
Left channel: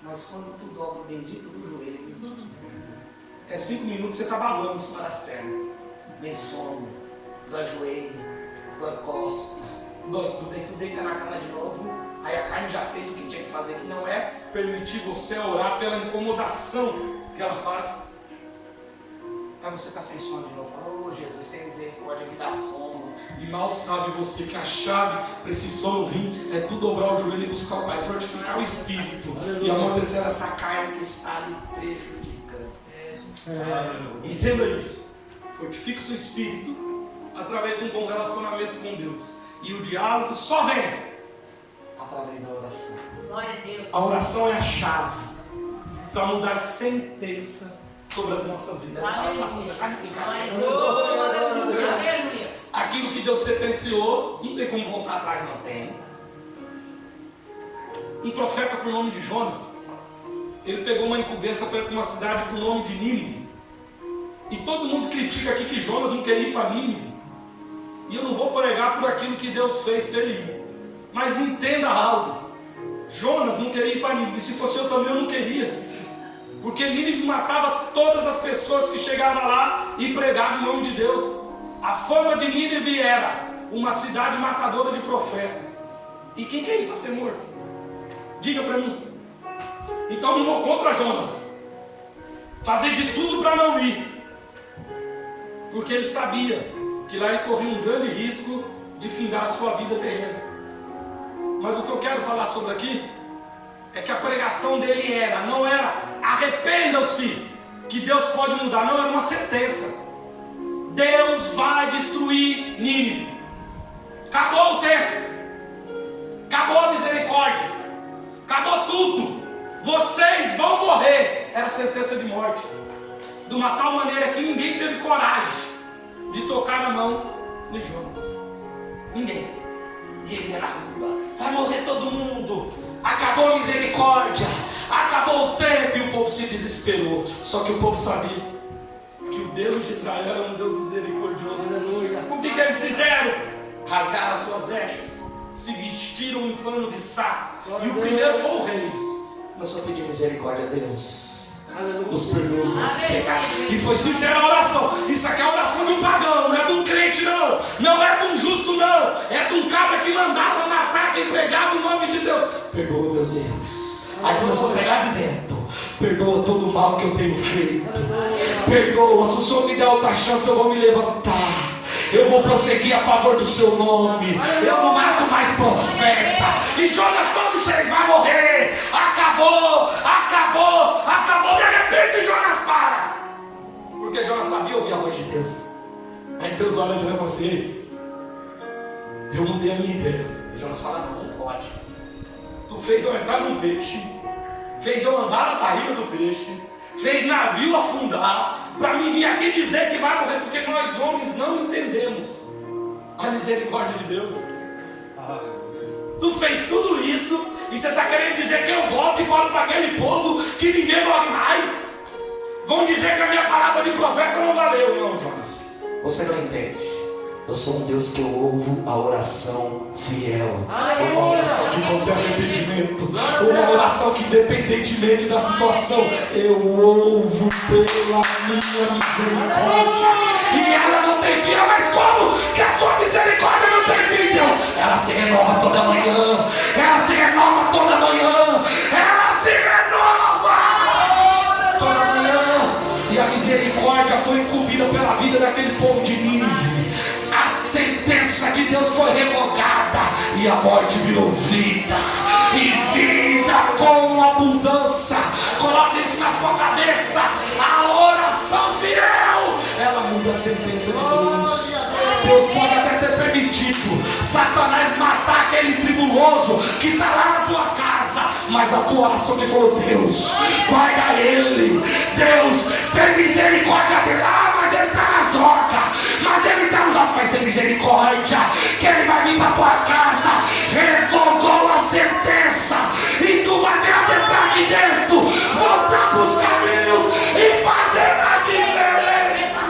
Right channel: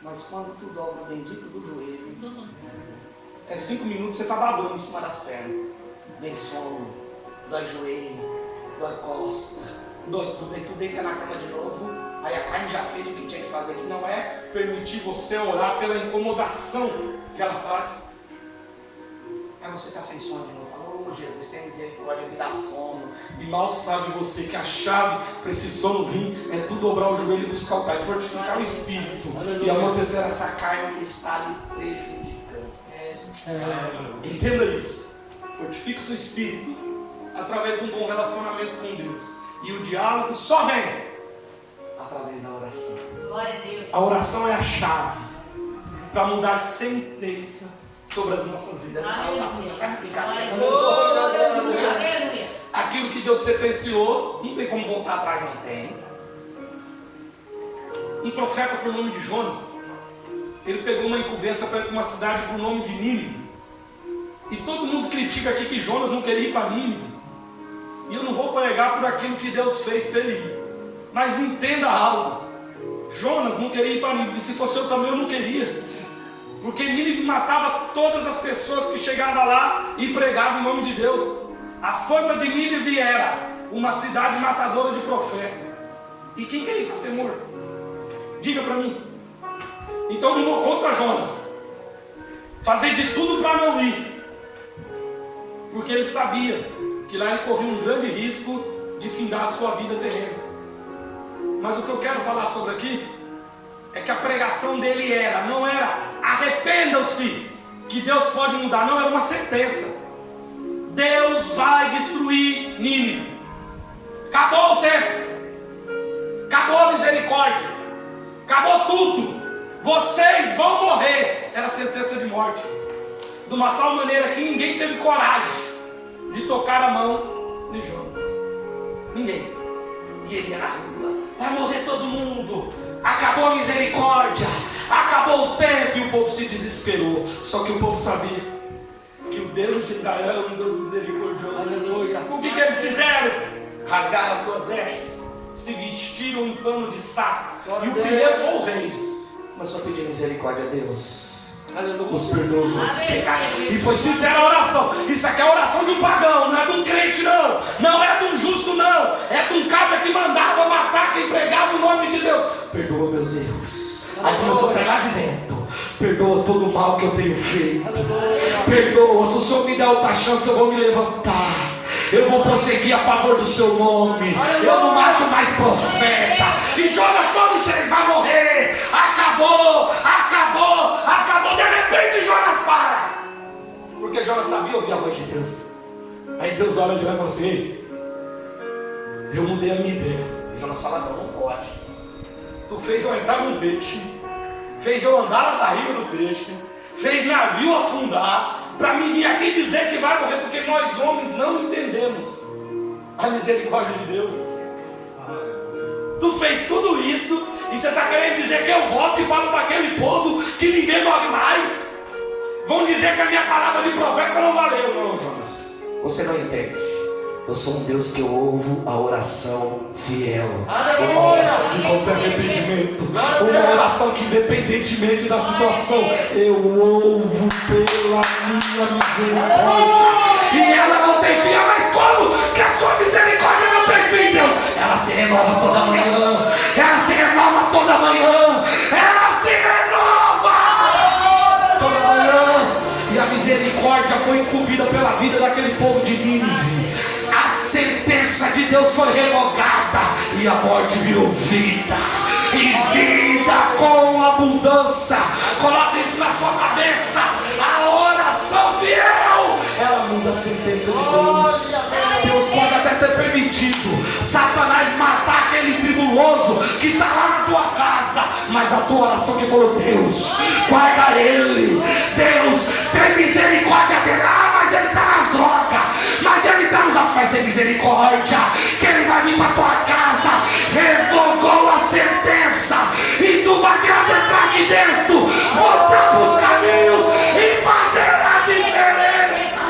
Mas quando tu dobra o bendito do joelho, é 5 minutos você está babando em cima das pernas. Vem sono, dói joelho, dói costa, dói tudo. Aí tu deita na cama de novo. Aí a carne já fez o que tinha que fazer, que não é permitir você orar pela incomodação que ela faz. Aí você está sem sono de novo. Fala: ô Jesus, tem misericórdia, me dá sono. E mal sabe você que a chave para esse sono vir é tu dobrar o joelho e buscar o Pai, fortificar o espírito e amortecer essa carne que está lhe prejudicando. Entenda isso. Fortifique o seu espírito através de um bom relacionamento com Deus. E o diálogo só vem através da oração. Glória a Deus. A oração é a chave para mudar sentença sobre as nossas vidas. Aquilo que Deus sentenciou, não tem como voltar atrás, não tem. Um profeta por nome de Jonas, ele pegou uma incumbência para ir para uma cidade por nome de Nínive. E todo mundo critica aqui que Jonas não queria ir para Nínive. E eu não vou pregar por aquilo que Deus fez para ele ir. Mas entenda algo: Jonas não queria ir para Nínive. Se fosse eu também, eu não queria. Porque Nínive matava todas as pessoas que chegavam lá e pregavam em nome de Deus. A fama de Nínive era uma cidade matadora de profeta. E quem quer ir para ser morto? Diga para mim. Então eu não vou contra Jonas. Fazer de tudo para não ir. Porque ele sabia que lá ele corria um grande risco de findar a sua vida terrena. Mas o que eu quero falar sobre aqui é que a pregação dele não era arrependam-se, que Deus pode mudar, não, era uma sentença. Deus vai destruir Nínive. Acabou o tempo, acabou a misericórdia, acabou tudo, vocês vão morrer. Era sentença de morte, de uma tal maneira que ninguém teve coragem de tocar a mão de Jonas. Ninguém. E ele era rua, vai morrer todo mundo, acabou a misericórdia, acabou o tempo. E o povo se desesperou. Só que o povo sabia que o Deus de Israel é um Deus misericordioso. O que eles fizeram? Rasgaram as suas vestes, se vestiram em pano de saco. E o primeiro foi o rei. Começou a pedir misericórdia a Deus, os perdoa os nossos pecados. E foi sincera a oração. Isso aqui é a oração de um pagão, não é de um crente não. Não é de um justo não. É de um cabra que mandava matar quem pregava o nome de Deus. Perdoa meus erros. Aí começou a sair de dentro. Perdoa todo o mal que eu tenho feito. Perdoa, se o Senhor me der outra chance eu vou me levantar. Eu vou prosseguir a favor do seu nome. Eu não mato mais profeta. E Jonas todos vocês vai morrer. Acabou, acabou, acabou. De repente Jonas para. Porque Jonas sabia ouvir a voz de Deus. Aí Deus olha de lá e fala assim: ei, eu mudei a minha ideia. E Jonas fala: não pode. Tu fez eu entrar num peixe, fez eu andar na barriga do peixe, fez navio afundar, para mim vir aqui dizer que vai morrer, porque nós homens não entendemos a misericórdia de Deus. Tu fez tudo isso e você está querendo dizer que eu volto e falo para aquele povo que ninguém morre mais? Vão dizer que a minha palavra de profeta não valeu. Não, Jonas, você não entende. Eu sou um Deus que eu ouvo a oração fiel. Uma oração que não tem arrependimento. Uma oração que, independentemente da situação, eu ouvo pela minha misericórdia. E ela não tem fim. Mas como que a sua misericórdia não tem fim, Deus? Ela se renova toda manhã. Ela se renova toda manhã. Ela se renova toda manhã. E a misericórdia foi incumbida pela vida daquele povo de Nínive. A sentença de Deus foi revogada e a morte virou vida, e vida com abundância. Coloque isso na sua cabeça. A oração fiel, ela muda a sentença de Deus. Deus pode até ter permitido Satanás matar aquele tribuloso que está lá na tua casa, mas a tua oração que falou: Deus, guarda ele, Deus, tem misericórdia dele. Mas ele está nas drogas, mas ele está nos altos, mas tem misericórdia, que ele vai vir para tua casa. Revogou a sentença e tu vai me adentrar aqui dentro, voltar para os caminhos e fazer a diferença.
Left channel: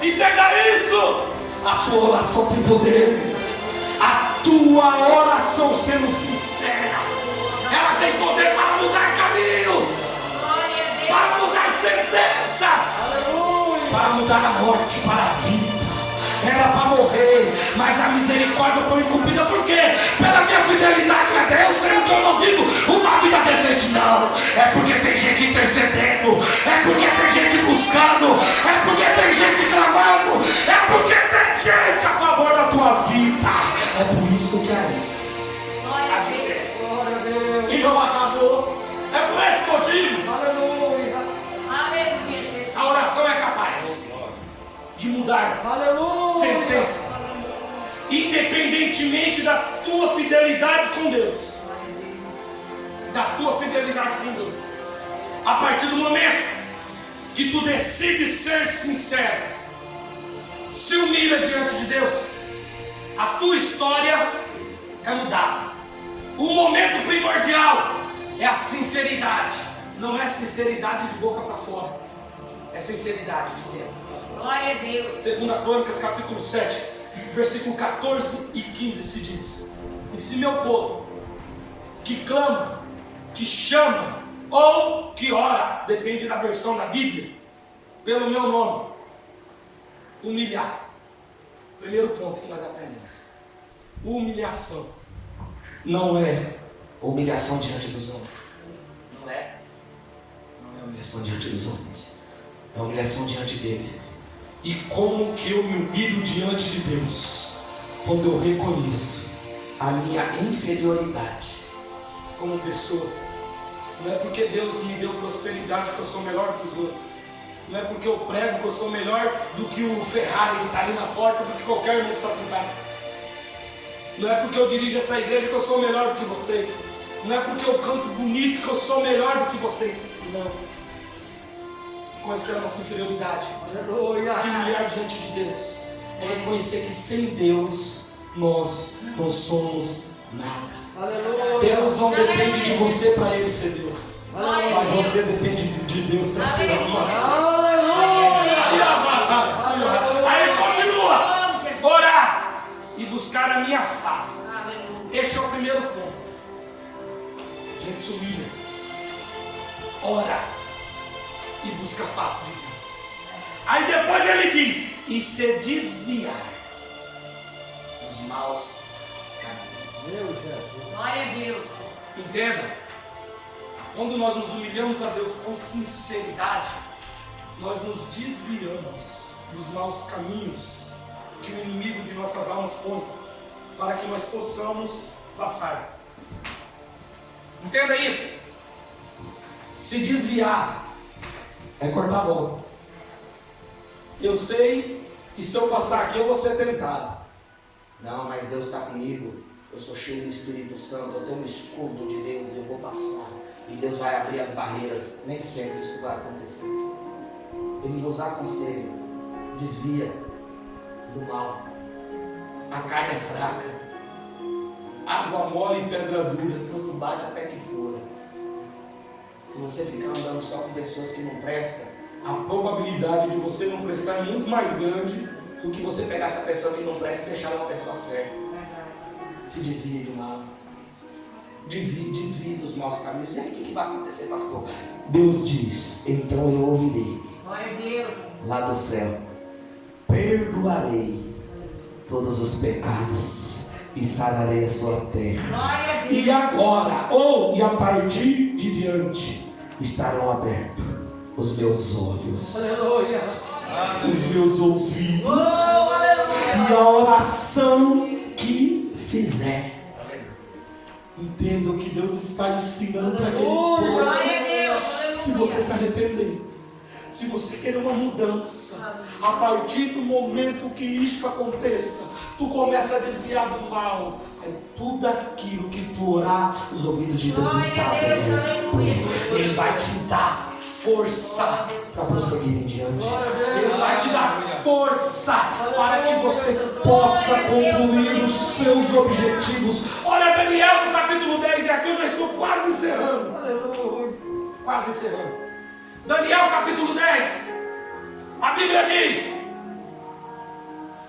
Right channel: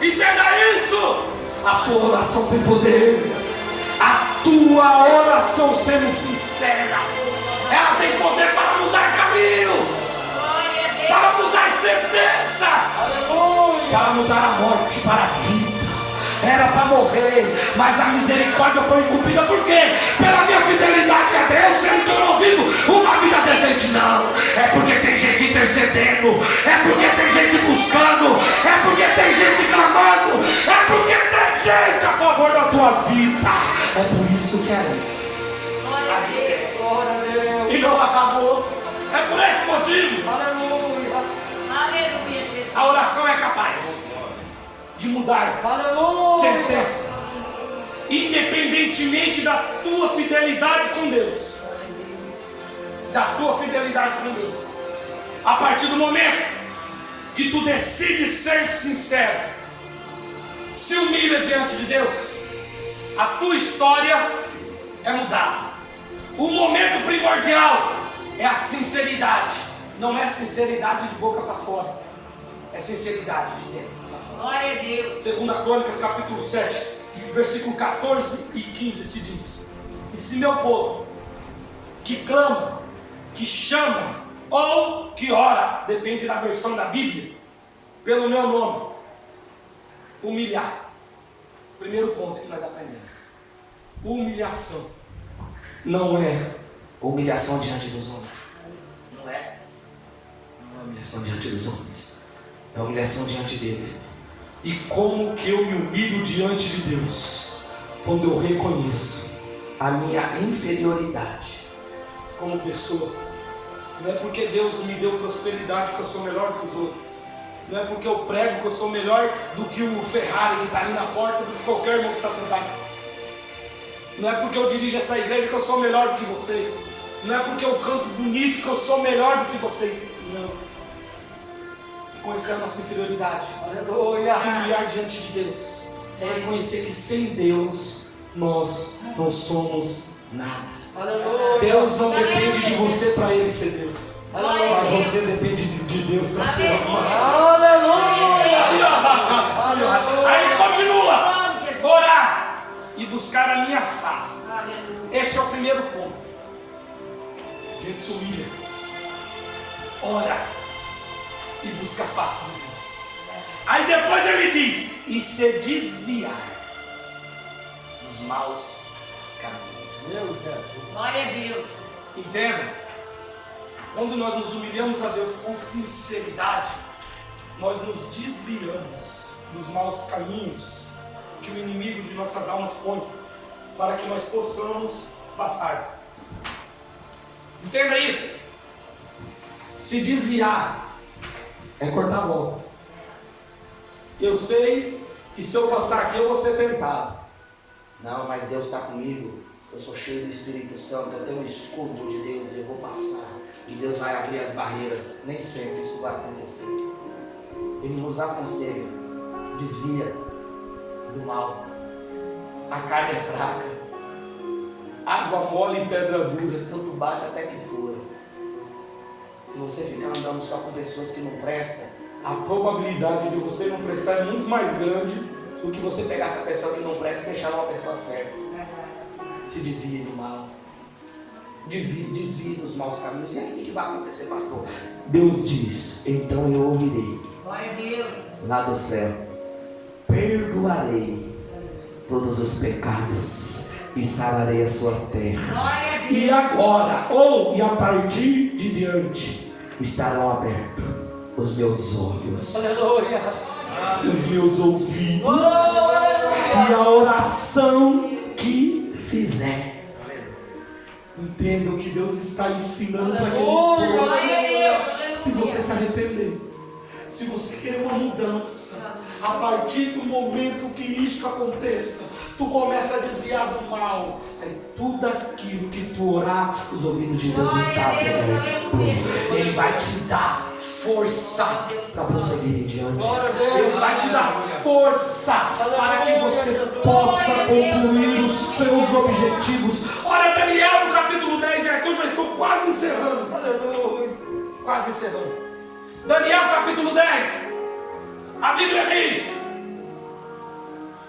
Entenda isso. A sua oração tem poder. A tua oração, sendo sincera, ela tem poder para mudar caminhos, para mudar sentenças, para mudar a morte para a vida. Era para morrer, mas a misericórdia foi incumbida. Por quê? Pela minha fidelidade a Deus, sendo que eu não vivo uma vida decente. Não, é porque tem gente intercedendo, é porque tem gente buscando, é porque tem gente clamando, é porque tem gente a favor da tua vida. É por isso que aí Glória a Deus. e não acabou. É por esse motivo. Aleluia, Jesus. A oração é capaz de mudar sentença, independentemente da tua fidelidade com Deus. Da tua fidelidade com Deus. A partir do momento que tu decides ser sincero, se humilha diante de Deus, a tua história é mudada. O momento primordial é a sinceridade. Não é sinceridade de boca para fora, é sinceridade de dentro. Glória a Deus. 2 Crônicas capítulo 7, versículo 14 e 15 se diz: e se meu povo, que clama, que chama ou que ora, depende da versão da Bíblia, pelo meu nome, Humilhar. Primeiro ponto que nós aprendemos. Humilhação não é humilhação diante dos homens. Não é humilhação diante dos homens. É humilhação diante dele. E como que eu me humilho diante de Deus? Quando eu reconheço a minha inferioridade como pessoa. Não é porque Deus me deu prosperidade que eu sou melhor do que os outros. Não é porque eu prego que eu sou melhor do que o Ferrari que está ali na porta, do que qualquer irmão que está sentado. Não é porque eu dirijo essa igreja que eu sou melhor do que vocês. Não é porque eu canto bonito que eu sou melhor do que vocês. Não. Conhecer a nossa inferioridade. Se humilhar diante de Deus. É reconhecer que sem Deus nós não somos nada. Deus não depende de você para Ele ser Deus. Mas você depende de Deus para ser humano. Aí ele continua. Orar e buscar a minha face. Este é o primeiro ponto. A gente se humilha. Ora e busca a face de Deus. Aí depois ele diz: e se desviar dos maus caminhos. Glória a Deus. Entenda? Quando nós nos humilhamos a Deus com sinceridade, nós nos desviamos dos maus caminhos que o inimigo de nossas almas põe para que nós possamos passar. Entenda isso. Se desviar é cortar a volta. Eu sei que se eu passar aqui eu vou ser tentado. Não, mas Deus está comigo. Eu sou cheio do Espírito Santo. Eu tenho um escudo de Deus. Eu vou passar. E Deus vai abrir as barreiras. Nem sempre isso vai acontecer. Ele nos aconselha. Desvia do mal. A carne é fraca. Água mole e pedra dura. Tanto bate até que fura. Se você ficar andando só com pessoas que não prestam, a probabilidade de você não prestar é muito mais grande do que você pegar essa pessoa que não presta e deixar ela uma pessoa certa. Se desvie do mal. Desvie dos maus caminhos. E aí o que vai acontecer, pastor? Deus diz: então eu ouvirei. Glória a Deus. Lá do céu. Perdoarei todos os pecados e sararei a sua terra. Glória a Deus. E agora, e a partir de diante, estarão abertos os meus olhos, aleluia, os meus ouvidos, e a oração que fizer. Entenda o que Deus está ensinando para aquele povo. Glória a Deus. Se você se arrepender, se você querer uma mudança, a partir do momento que isso aconteça, tu começa a desviar do mal. É tudo aquilo que tu orar, os ouvidos de Deus estão abertos. Ele vai te dar força para prosseguir em diante. Ele vai te dar força para que você possa concluir os seus objetivos. Olha, Daniel no capítulo 10, e aqui eu já estou quase encerrando. Quase encerrando. Daniel capítulo 10, a Bíblia diz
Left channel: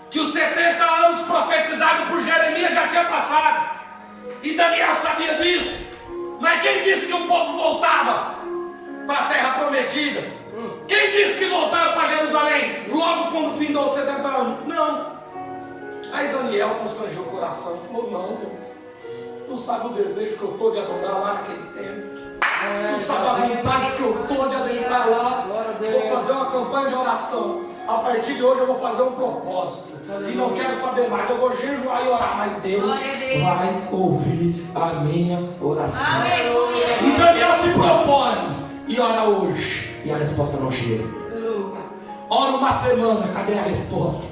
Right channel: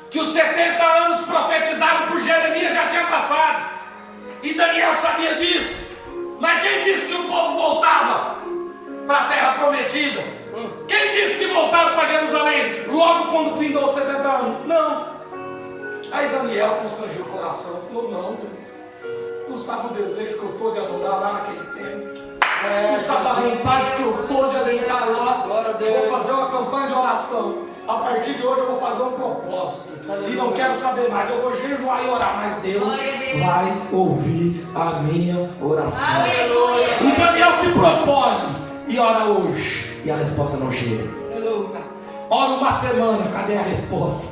que os 70 anos profetizados por Jeremias já tinham passado, e Daniel sabia disso. Mas quem disse que o povo voltava para a terra prometida? Quem disse que voltava para Jerusalém logo quando findou os 70 anos? Não. Aí Daniel constrangeu o coração e falou: não, Deus, tu sabe o desejo que eu estou de adorar lá naquele tempo. Tu sabe a vontade que eu estou de adentrar lá. Vou fazer uma campanha de oração. A partir de hoje eu vou fazer um propósito. E não quero saber mais. Eu vou jejuar e orar. Mas Deus vai ouvir a minha oração. E Daniel se propõe e ora hoje. E a resposta não chega. Ora uma semana. Cadê a resposta?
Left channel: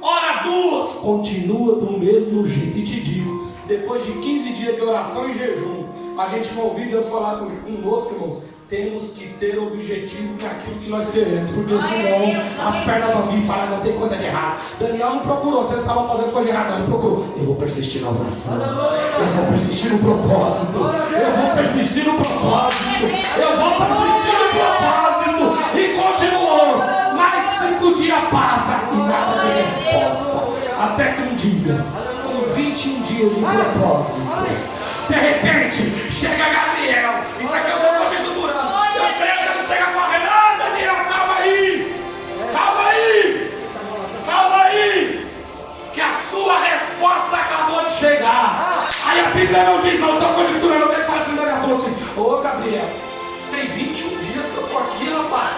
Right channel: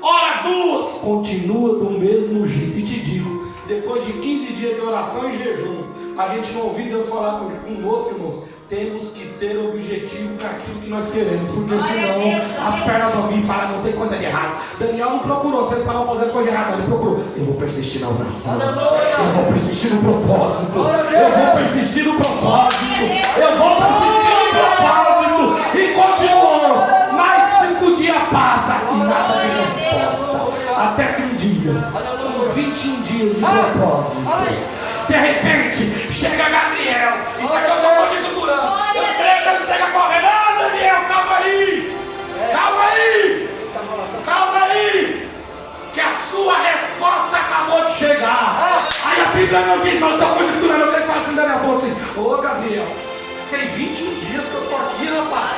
Ora duas. Continua do mesmo jeito. E te digo, depois de 15 dias de oração e jejum, a gente não ouviu Deus falar conosco, irmãos. Temos que ter objetivo naquilo que nós queremos, porque senão as pernas do amigo falam: não tem coisa de errado. Daniel não procurou, você estava fazendo coisa errada, ele procurou. Eu vou persistir na oração, eu vou persistir no propósito, eu vou persistir no propósito, eu vou persistir no propósito. E continuou. Mais 5 dias passa e nada de resposta. Até que um dia, com 21 dias de propósito, de repente, chega Gabriel. Isso aqui eu não estou te durando. Eu creio que ele chega correndo. Ah, Daniel, calma aí. Calma aí. Bíblia não diz, mas eu estou conjecturando. Alguém fala assim, Daniel, falou assim, ô Gabriel, tem 21 dias que eu estou aqui, rapaz.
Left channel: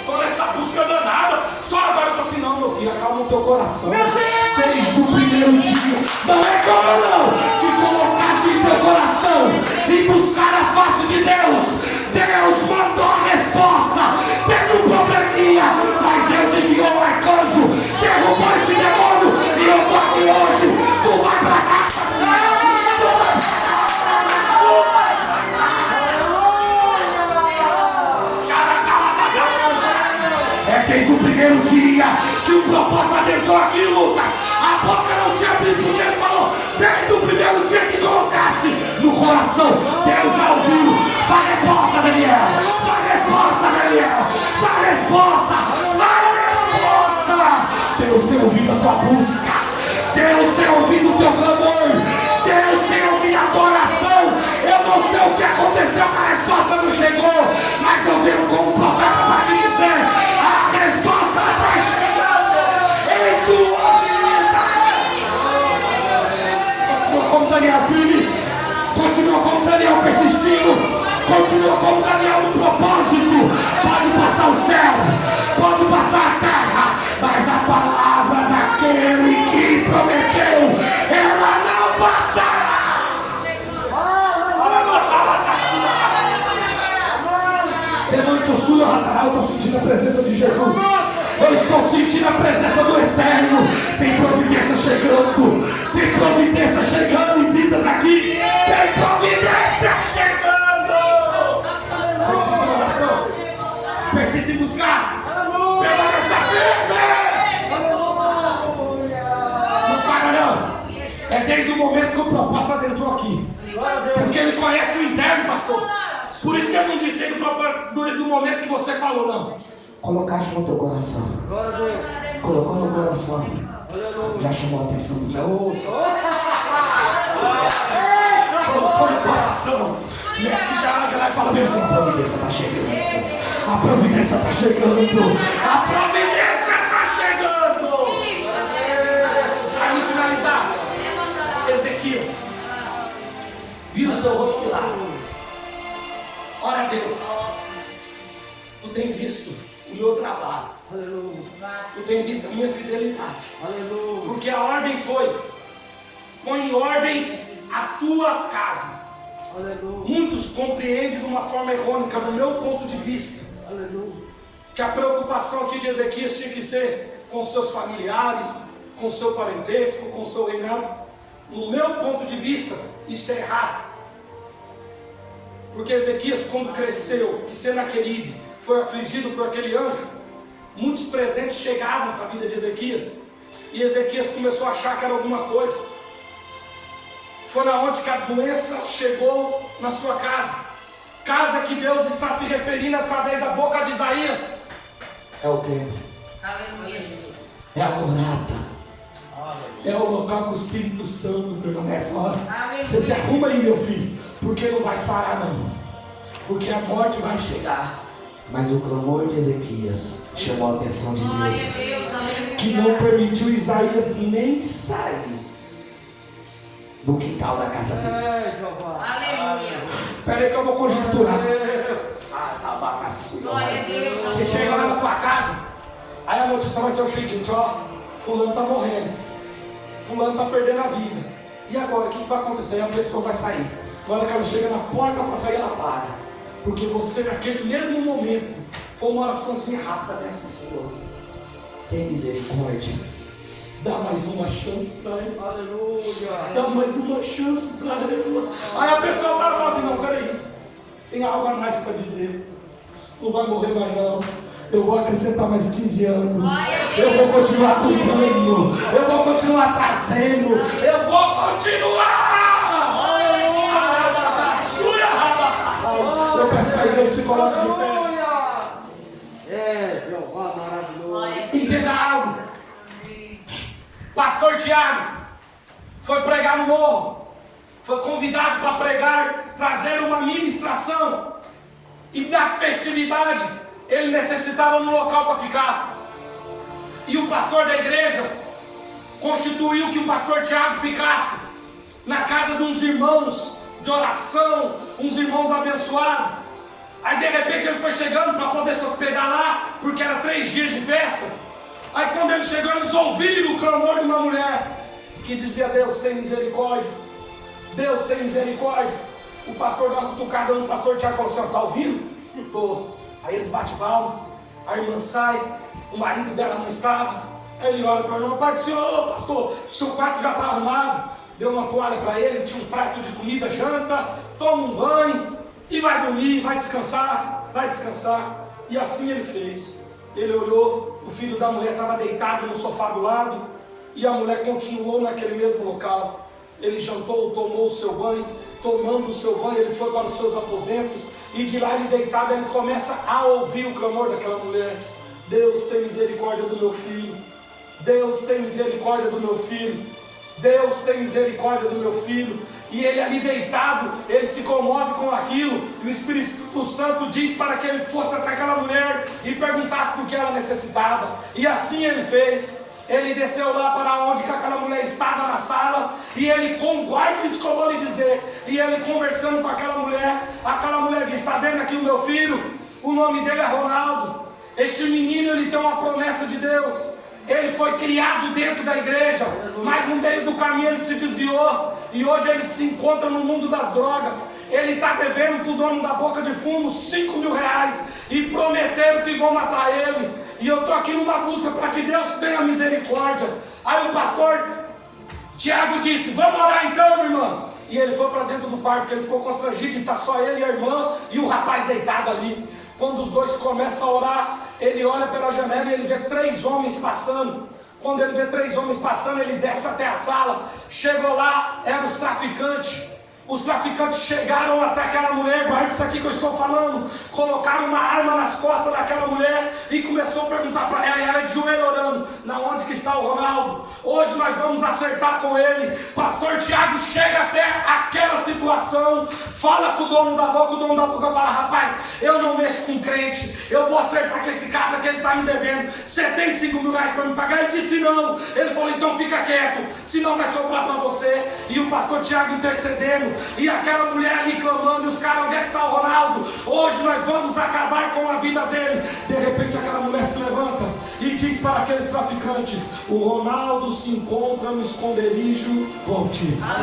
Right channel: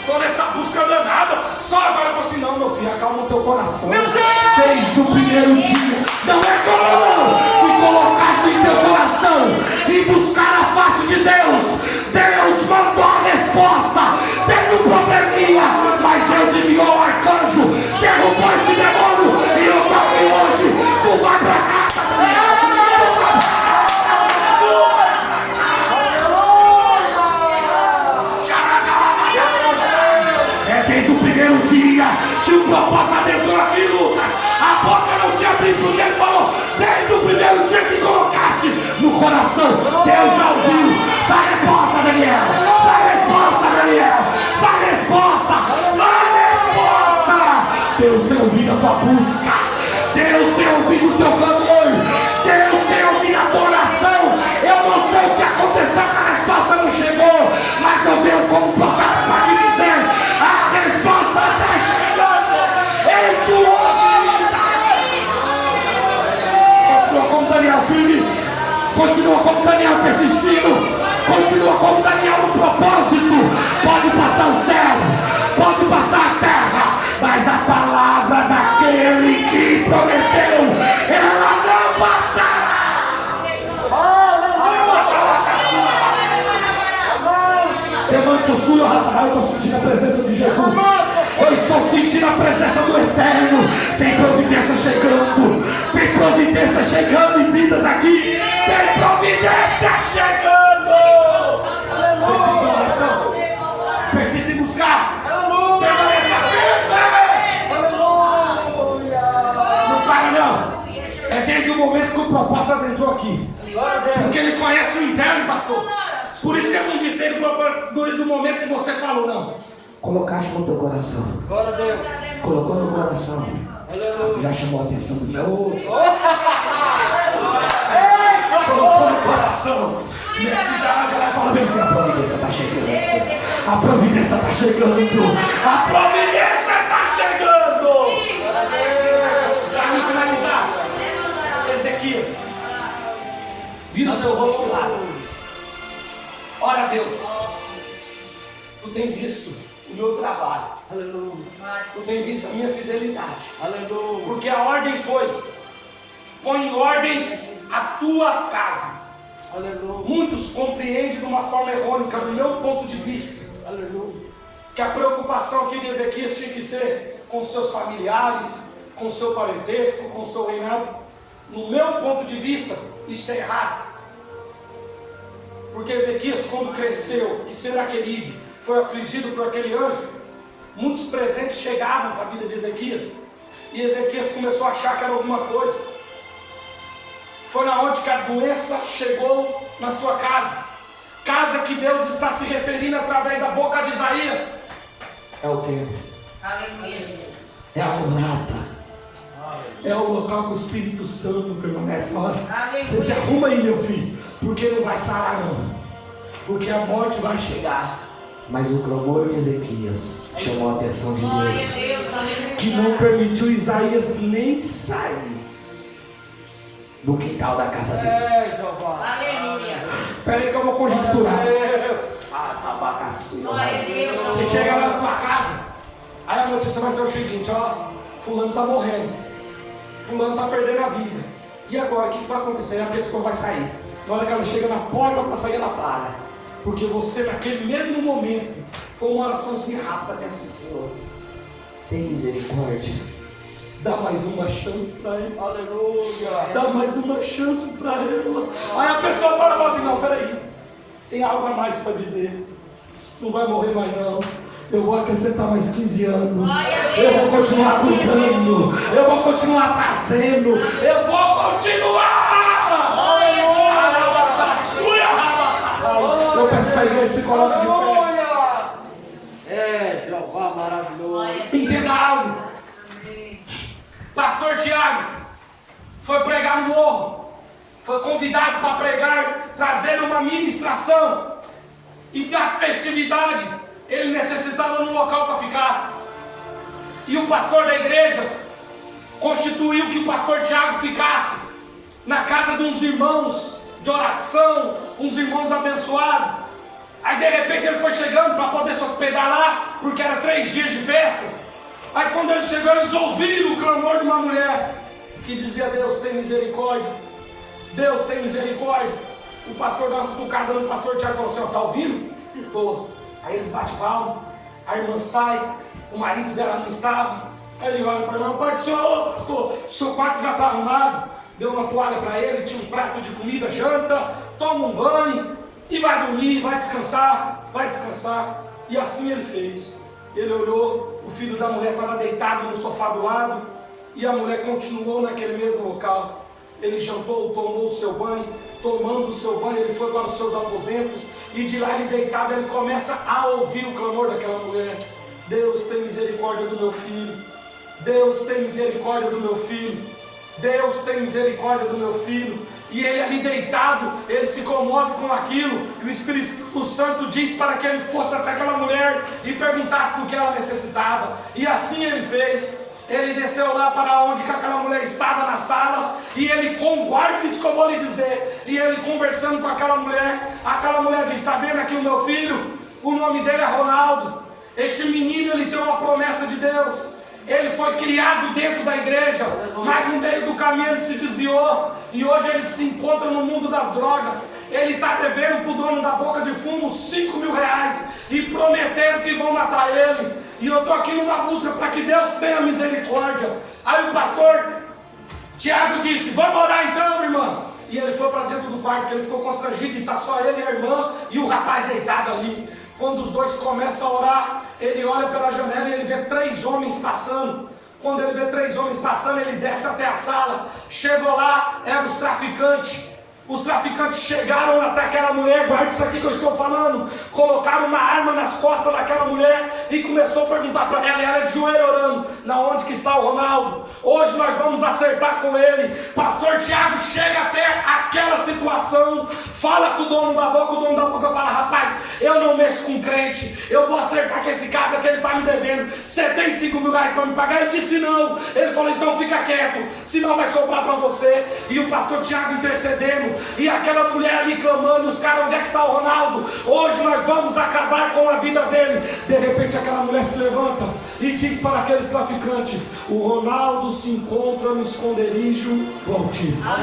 Estou nessa busca danada. Só agora eu falei assim, não, meu filho, acalma o teu coração. Desde o primeiro dia. Não é como que colocaste em teu coração e buscar a face de Deus. Deus mandou a resposta. Teve um probleminha, mas Deus enviou um arcanjo, derrubou esse demônio e eu estou aqui hoje. Tu vai pra casa, é desde o primeiro dia que o propósito adentrou aqui, Lucas. A boca não tinha abrido porque ele falou. Desde o primeiro dia que colocaste no coração, Deus já ouviu. Dá resposta, Daniel. Dá resposta, Daniel. Dá resposta. Dá resposta. Deus tem ouvido a tua busca. Deus tem ouvido o teu clamor. Deus tem ouvido a tua oração. Eu não sei o que aconteceu, que a resposta não chegou, mas eu venho como profeta para te dizer: a resposta está chegando em tua vida. Continua como Daniel firme. Continua como Daniel persistindo. Continua como Daniel no propósito. Pode passar o céu, pode passar a terra, mas a palavra daquele que prometeu, ela não passará. Levante o sonho, rapaz. Eu estou sentindo a presença de Jesus. Eu estou sentindo a presença do Eterno. Tem providência chegando. Tem providência chegando em vidas aqui. Tem providência chegando. Persista em oração. Persista em buscar. Permaneça firme. Não para não. É desde o momento que o propósito adentrou aqui. Porque ele conhece o interno, pastor. Por isso que eu não disse do momento que você falou, não. Colocaste no teu coração. Colocou no coração. Já chamou a atenção do outro. Colocou no coração. Mestre já vai falar bem assim: a providência está chegando. A providência está chegando. A providência está chegando. Para me finalizar, Ezequias, vira o seu rosto de lado. Ora a Deus, tu tem visto o meu trabalho, tu tem visto a minha fidelidade, porque a ordem foi: põe em ordem a tua casa. Muitos compreendem de uma forma errônea, no meu ponto de vista, que a preocupação aqui de Ezequias tinha que ser com seus familiares, com seu parentesco, com seu reinado. No meu ponto de vista, isto é errado. Porque Ezequias, quando cresceu e Senaqueribe foi afligido por aquele anjo, muitos presentes chegavam para a vida de Ezequias, e Ezequias começou a achar que era alguma coisa. Foi na onde que a doença chegou na sua casa. Casa que Deus está se referindo através da boca de Isaías. É o templo. Aleluia, Jesus. É a morada. É o local que o Espírito Santo permanece. Você se arruma aí, meu filho, porque não vai sarar não. Porque a morte vai chegar. Mas o clamor de Ezequias chamou a atenção de Deus, que não permitiu Isaías nem sair do quintal da casa dele. Aleluia. Espera aí que eu vou conjecturar. Glória a Deus. Você chega lá na tua casa, aí a notícia vai ser o seguinte: ó, fulano está morrendo, fulano está perdendo a vida. E agora, o que vai acontecer? A pessoa vai sair. Na hora que ela chega na porta para sair, ela para. Porque você, naquele mesmo momento, foi uma oraçãozinha rápida dessa: Senhor, tem misericórdia, dá mais uma chance para ele. Aleluia. Dá mais uma chance para ele. Aí a pessoa para e fala assim: não, peraí, tem algo a mais para dizer. Não vai morrer mais não. Eu vou acrescentar mais 15 anos. Eu vou continuar cuidando. Eu vou continuar trazendo. Eu vou continuar. Eu peço para a igreja se colocar de pé. É, Jeová maravilhoso. Entenda algo. Pastor Tiago foi pregar no morro. Foi convidado para pregar, trazer uma ministração. E da festividade, ele necessitava de um local para ficar. E o pastor da igreja constituiu que o pastor Tiago ficasse na casa de uns irmãos de oração, uns irmãos abençoados. Aí de repente ele foi chegando para poder se hospedar lá, porque era 3 dias de festa. Aí quando ele chegou, eles ouviram o clamor de uma mulher que dizia: Deus tem misericórdia, Deus tem misericórdia. O pastor dava uma cutucada no pastor Tiago e falou assim: ó, tá ouvindo? Tô. Aí eles batem palma, a irmã sai, o marido dela não estava. Aí ele olha para a irmã: pai do senhor, pastor, o seu quarto já está arrumado. Deu uma toalha para ele, tinha um prato de comida, janta, toma um banho e vai dormir, vai descansar, vai descansar. E assim ele fez. Ele olhou, o filho da mulher estava deitado no sofá do lado, e a mulher continuou naquele mesmo local. Ele jantou, tomou o seu banho. Tomando o seu banho, ele foi para os seus aposentos, e de lá ele deitado, ele começa a ouvir o clamor daquela mulher: Deus tem misericórdia do meu filho, Deus tem misericórdia do meu filho, Deus tem misericórdia do meu filho. E ele ali deitado, ele se comove com aquilo, e o Espírito Santo diz para que ele fosse até aquela mulher e perguntasse do que ela necessitava. E assim ele fez. Ele desceu lá para onde que aquela mulher estava na sala, e ele, com guarda, isso que eu vou lhe dizer, e ele conversando com aquela mulher disse: está vendo aqui o meu filho? O nome dele é Ronaldo. Este menino, ele tem uma promessa de Deus. Ele foi criado dentro da igreja, mas no meio do caminho ele se desviou, e hoje ele se encontra no mundo das drogas. Ele está devendo para o dono da boca de fumo 5 mil reais, e prometeram que vão matar ele. E eu estou aqui numa busca para que Deus tenha misericórdia. Aí o pastor Tiago disse: vamos orar então, irmã. E ele foi para dentro do quarto, porque ele ficou constrangido de estar só ele e a irmã e o rapaz deitado ali. Quando os dois começam a orar, ele olha pela janela e ele vê 3 homens passando. Quando ele vê 3 homens passando, ele desce até a sala. Chegou lá, eram os traficantes. Os traficantes chegaram até aquela mulher, guarda isso aqui que eu estou falando. Colocaram uma arma nas costas daquela mulher e começou a perguntar para ela, e ela de joelho orando: na onde que está o Ronaldo? Hoje nós vamos acertar com ele. Pastor Tiago chega até aquela situação, fala com o dono da boca fala: rapaz, eu não mexo com crente, eu vou acertar com esse cabra que ele está me devendo. Você tem 5 mil reais para me pagar? Ele disse não. Ele falou: então fica quieto, senão vai sobrar para você. E o pastor Tiago intercedendo, e aquela mulher ali clamando, e os caras: onde é que está o Ronaldo? Hoje nós vamos acabar com a vida dele. De repente aquela mulher se levanta e diz para aqueles traficantes: o Ronaldo se encontra no esconderijo do Altíssimo.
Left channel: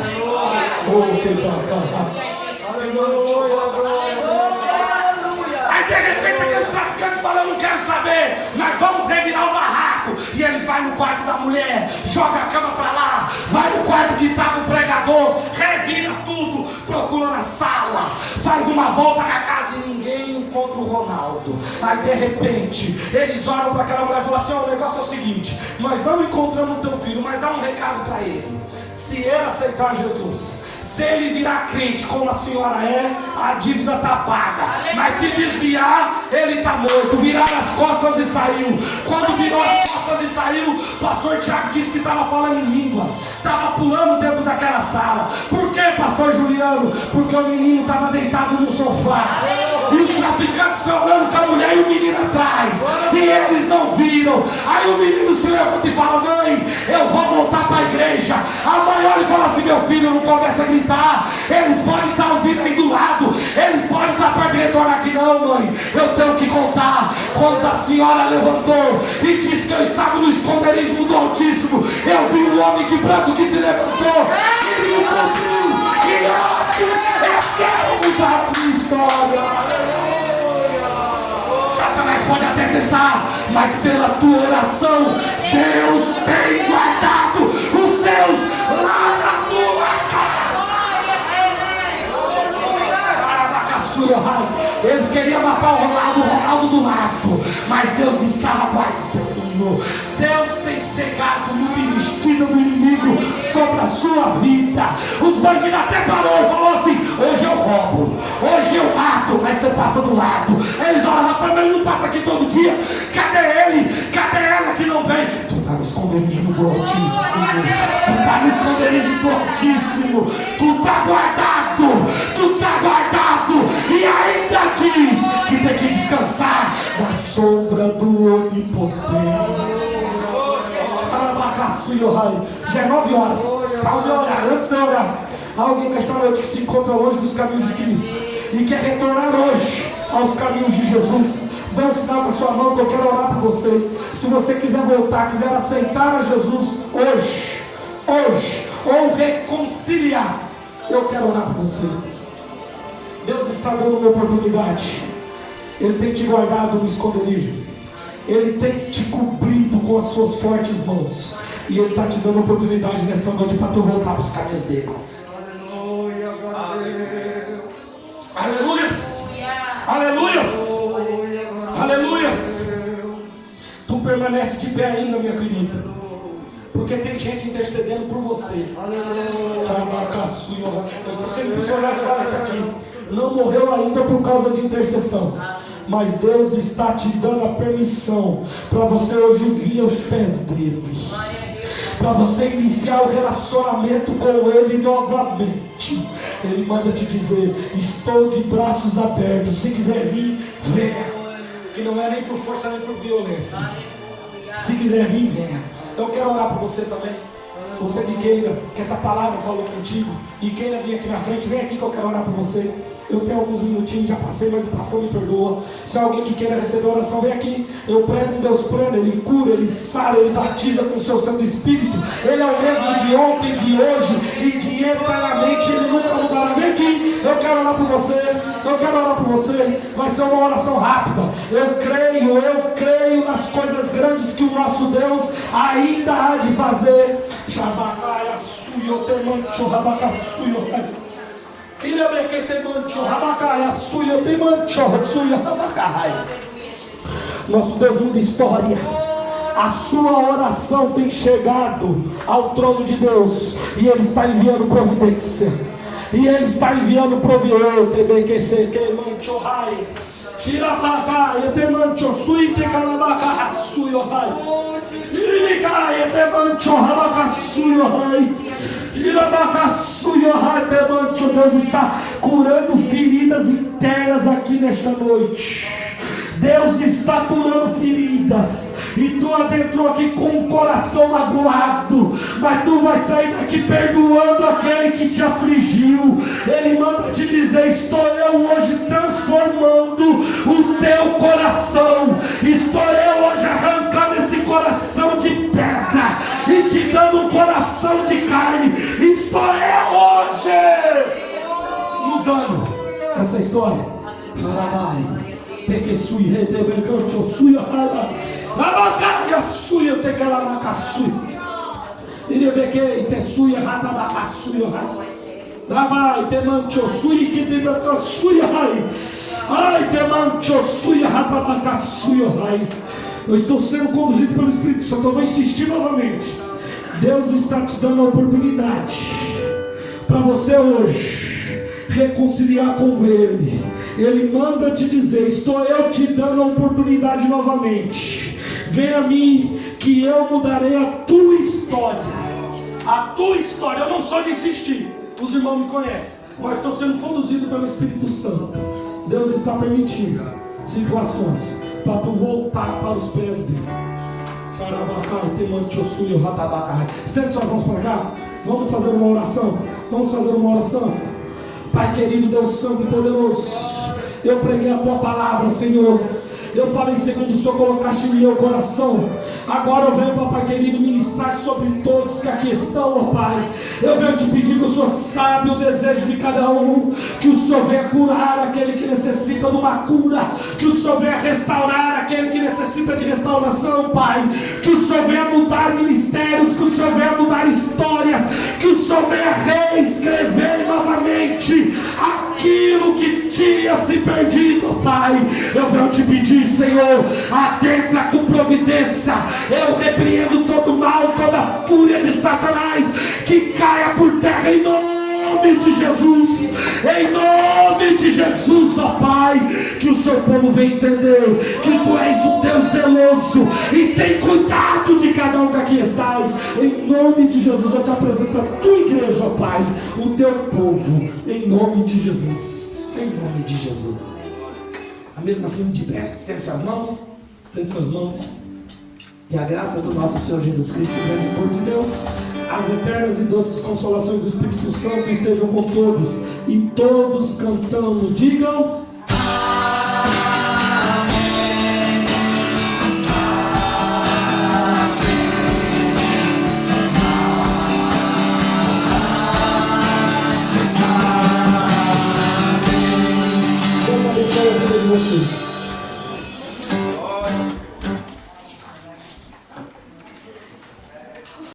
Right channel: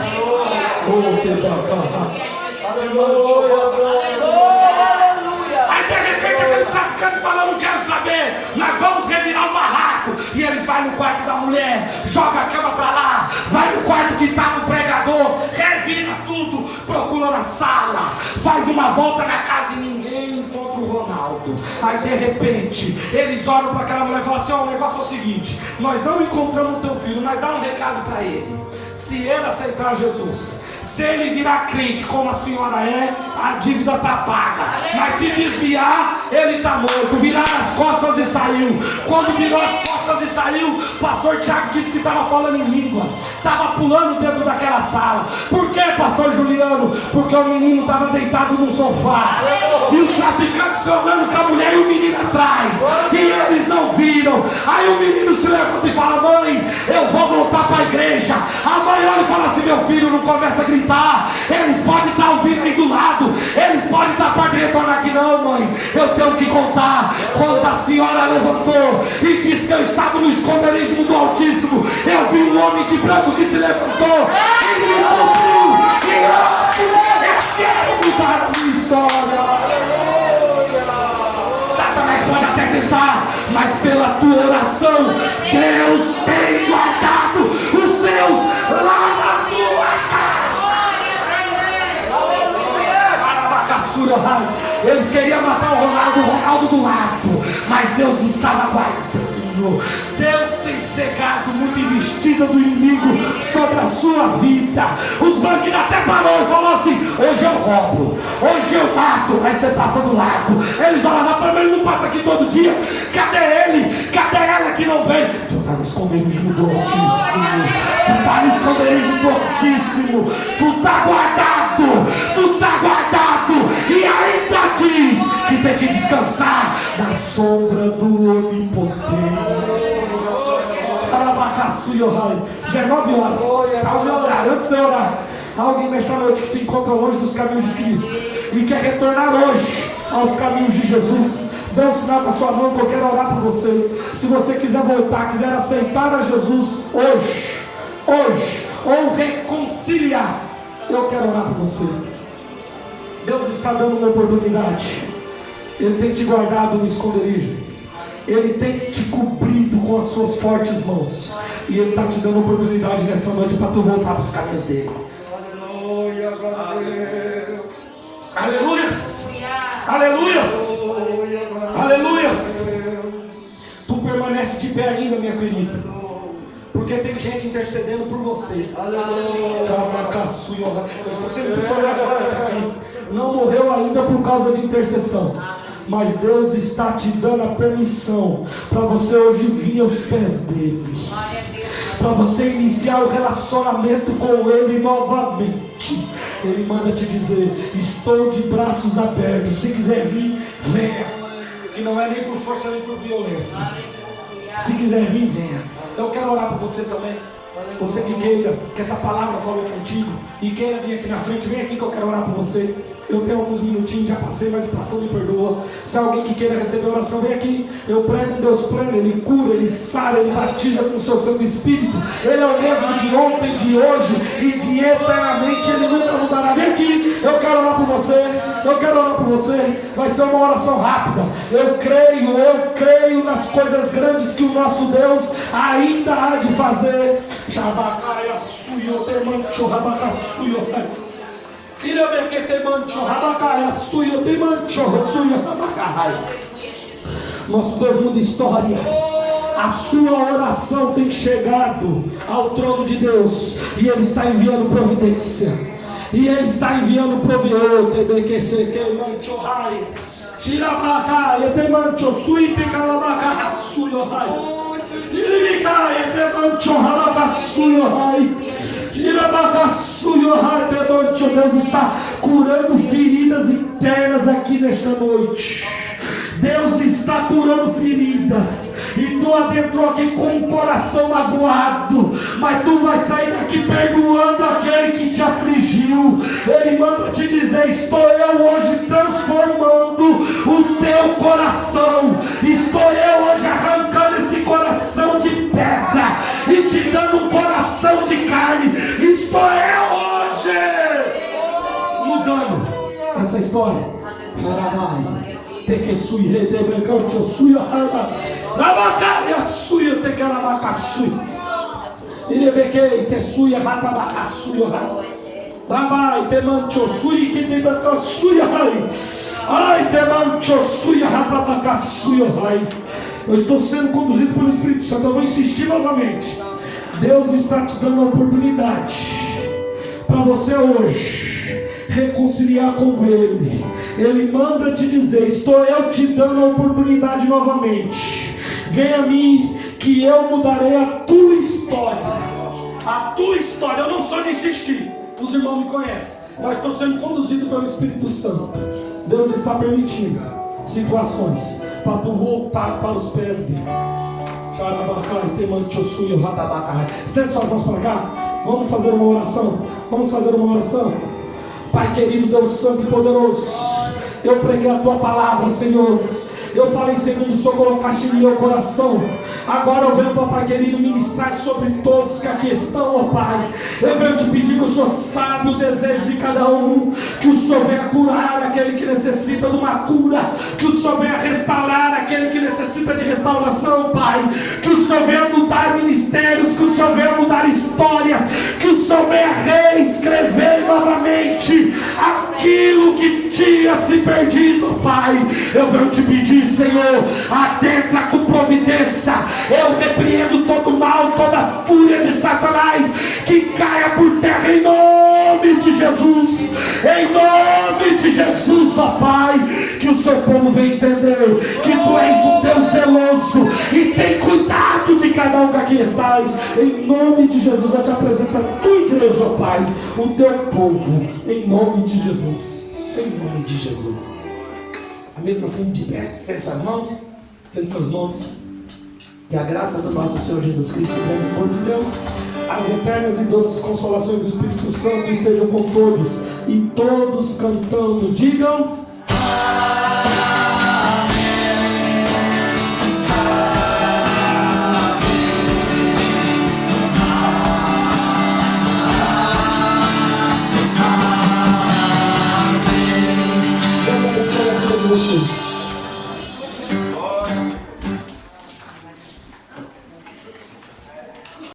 Aí de repente aqueles traficantes falam: não quero saber, nós vamos revirar o barraco. E eles vão no quarto da mulher, joga a cama para lá, vai no quarto que estava o pregador, revira tudo, procura na sala, faz uma volta na casa e ninguém encontra o Ronaldo. Aí de repente eles olham para aquela mulher e falam assim: ó, o negócio é o seguinte, nós não encontramos o teu filho, mas dá um recado para ele. Se ele aceitar Jesus, se ele virar crente como a senhora é, a dívida está paga. Mas se desviar, ele está morto. Virar as costas e saiu. Quando virou as costas e saiu, o pastor Tiago disse que estava falando em língua, estava pulando dentro daquela sala. Por que, pastor Juliano? Porque o menino estava deitado no sofá, e os traficantes falando com a mulher e o menino atrás, e eles não viram. Aí o menino se levanta e fala: mãe, eu vou voltar para a igreja. A mãe olha e fala assim: meu filho, não começa a gritar, eles podem estar ouvindo aí do lado, eles podem estar para dentro. Olha aqui não, mãe, eu tenho que contar. Quando a senhora levantou e disse que eu estava no esconderijo do Altíssimo, eu vi um homem de branco que se levantou e me encontrou. E hoje eu quero mudar a minha história. Satanás pode até tentar, mas pela tua oração, Deus tem guardado os seus lá na tua casa. Eles queriam matar o Ronaldo do lado, mas Deus estava guardando. Deus tem cegado muita investida do inimigo sobre a sua vida. Os bandidos até falou assim: hoje eu roubo, hoje eu mato, mas você passa do lado. Eles olhavam para mim: ele não passa aqui todo dia. Cadê ele? Cadê ela que não vem? Tu está no esconderijo do Altíssimo. Tu está no esconderijo do Altíssimo. Tu está guardado. Tu está guardado. E ainda diz que tem que descansar na sombra do Onipotente. Já é 9 horas. Ao meu horário, antes de eu orar, alguém nesta noite que se encontra longe dos caminhos de Cristo e quer retornar hoje aos caminhos de Jesus, dê um sinal com a sua mão que eu quero orar por você. Se você quiser voltar, quiser aceitar a Jesus hoje, ou reconciliar, eu quero orar por você. Deus está dando uma oportunidade. Ele tem te guardado no esconderijo. Ele tem te cobrido com as suas fortes mãos. E Ele está te dando oportunidade nessa noite para tu voltar para os caminhos dele. Aleluias! Aleluias! Aleluias! Tu permanece de pé ainda, minha querida, porque tem gente intercedendo por você. Eu estou sendo impressionado de falar isso aqui. Não morreu ainda por causa de intercessão, mas Deus está te dando a permissão para você hoje vir aos pés dele, para você iniciar o relacionamento com ele novamente. Ele manda te dizer: estou de braços abertos, se quiser vir, venha. Que não é nem por força nem por violência. Se quiser vir, venha. Eu quero orar por você também. Você que queira que essa palavra fale contigo e queira vir aqui na frente, vem aqui que eu quero orar por você. Eu tenho alguns minutinhos, já passei, mas o pastor me perdoa. Se alguém que queira receber oração, vem aqui. Eu prego um Deus pleno, Ele cura, Ele sara, Ele batiza com o seu Santo Espírito. Ele é o mesmo de ontem, de hoje e de eternamente. Ele nunca mudará. Vem aqui, eu quero orar por você. Eu quero orar por você. Vai ser uma oração rápida. Eu creio nas coisas grandes que o nosso Deus ainda há de fazer. Shabacaia suyo te mancho rabacasuyo. Ilha bequete mancho rabacaia suyo te mancho suyo rabacai. Nosso Deus muda história. A sua oração tem chegado ao trono de Deus e Ele está enviando providência. E Ele está enviando provisão. TBQC que mancho rai. Shirabacaia te mancho suyo te calabaca suyo rai. Deus está curando feridas internas aqui nesta noite. Deus está curando feridas. E tu adentrou aqui com o coração magoado, mas tu vai sair daqui perdoando aquele que te afligiu. Ele manda te dizer: estou eu hoje transformando o teu coração. Estou eu hoje arrancando esse coração de pedra e te dando um coração de carne. Estou eu hoje mudando essa história. Tem que suir, tem que suir, Rabacaia suia te calamacaçui. Ele bequei te suia ratabacaçuia. Rabai te mancho sui que te bacaçuia. Ai te mancho suia ratabacaçuia. Eu estou sendo conduzido pelo Espírito Santo. Eu vou insistir novamente. Deus está te dando a oportunidade para você hoje reconciliar com Ele. Ele manda te dizer: estou eu te dando a oportunidade novamente. Vem a mim que eu mudarei a tua história. A tua história. Eu não sou de insistir. Os irmãos me conhecem, mas estou sendo conduzido pelo Espírito Santo. Deus está permitindo situações para tu voltar para os pés dele. Estende suas mãos para cá. Vamos fazer uma oração. Vamos fazer uma oração. Pai querido, Deus santo e poderoso, eu preguei a tua palavra, Senhor. Eu falei segundo o Senhor colocaste no meu coração. Agora eu venho, papai querido, ministrar sobre todos que aqui estão, ó Pai. Eu venho te pedir que o Senhor sabe o desejo de cada um. Que o Senhor venha curar aquele que necessita de uma cura. Que o Senhor venha restaurar aquele que necessita de restauração, Pai. Que o Senhor venha mudar ministérios. Que o Senhor venha mudar histórias. Que o Senhor venha reescrever novamente aquilo que tinha se perdido, Pai. Eu venho te pedir, Senhor, adentra com providência. Eu repreendo todo mal, toda fúria de Satanás, que caia por terra em nome de Jesus. Em nome de Jesus, ó Pai. Que o seu povo venha entender que tu és um Deus zeloso e tem cuidado de cada um que aqui estás. Em nome de Jesus, eu te apresento a tua igreja, ó Pai, o teu povo, em nome de Jesus. Em nome de Jesus. A mesma assim de pé, estende suas mãos. Estende suas mãos. Que a graça do nosso Senhor Jesus Cristo, o grande amor de Deus, As eternas e doces consolações do Espírito Santo estejam com todos. E todos cantando, digam.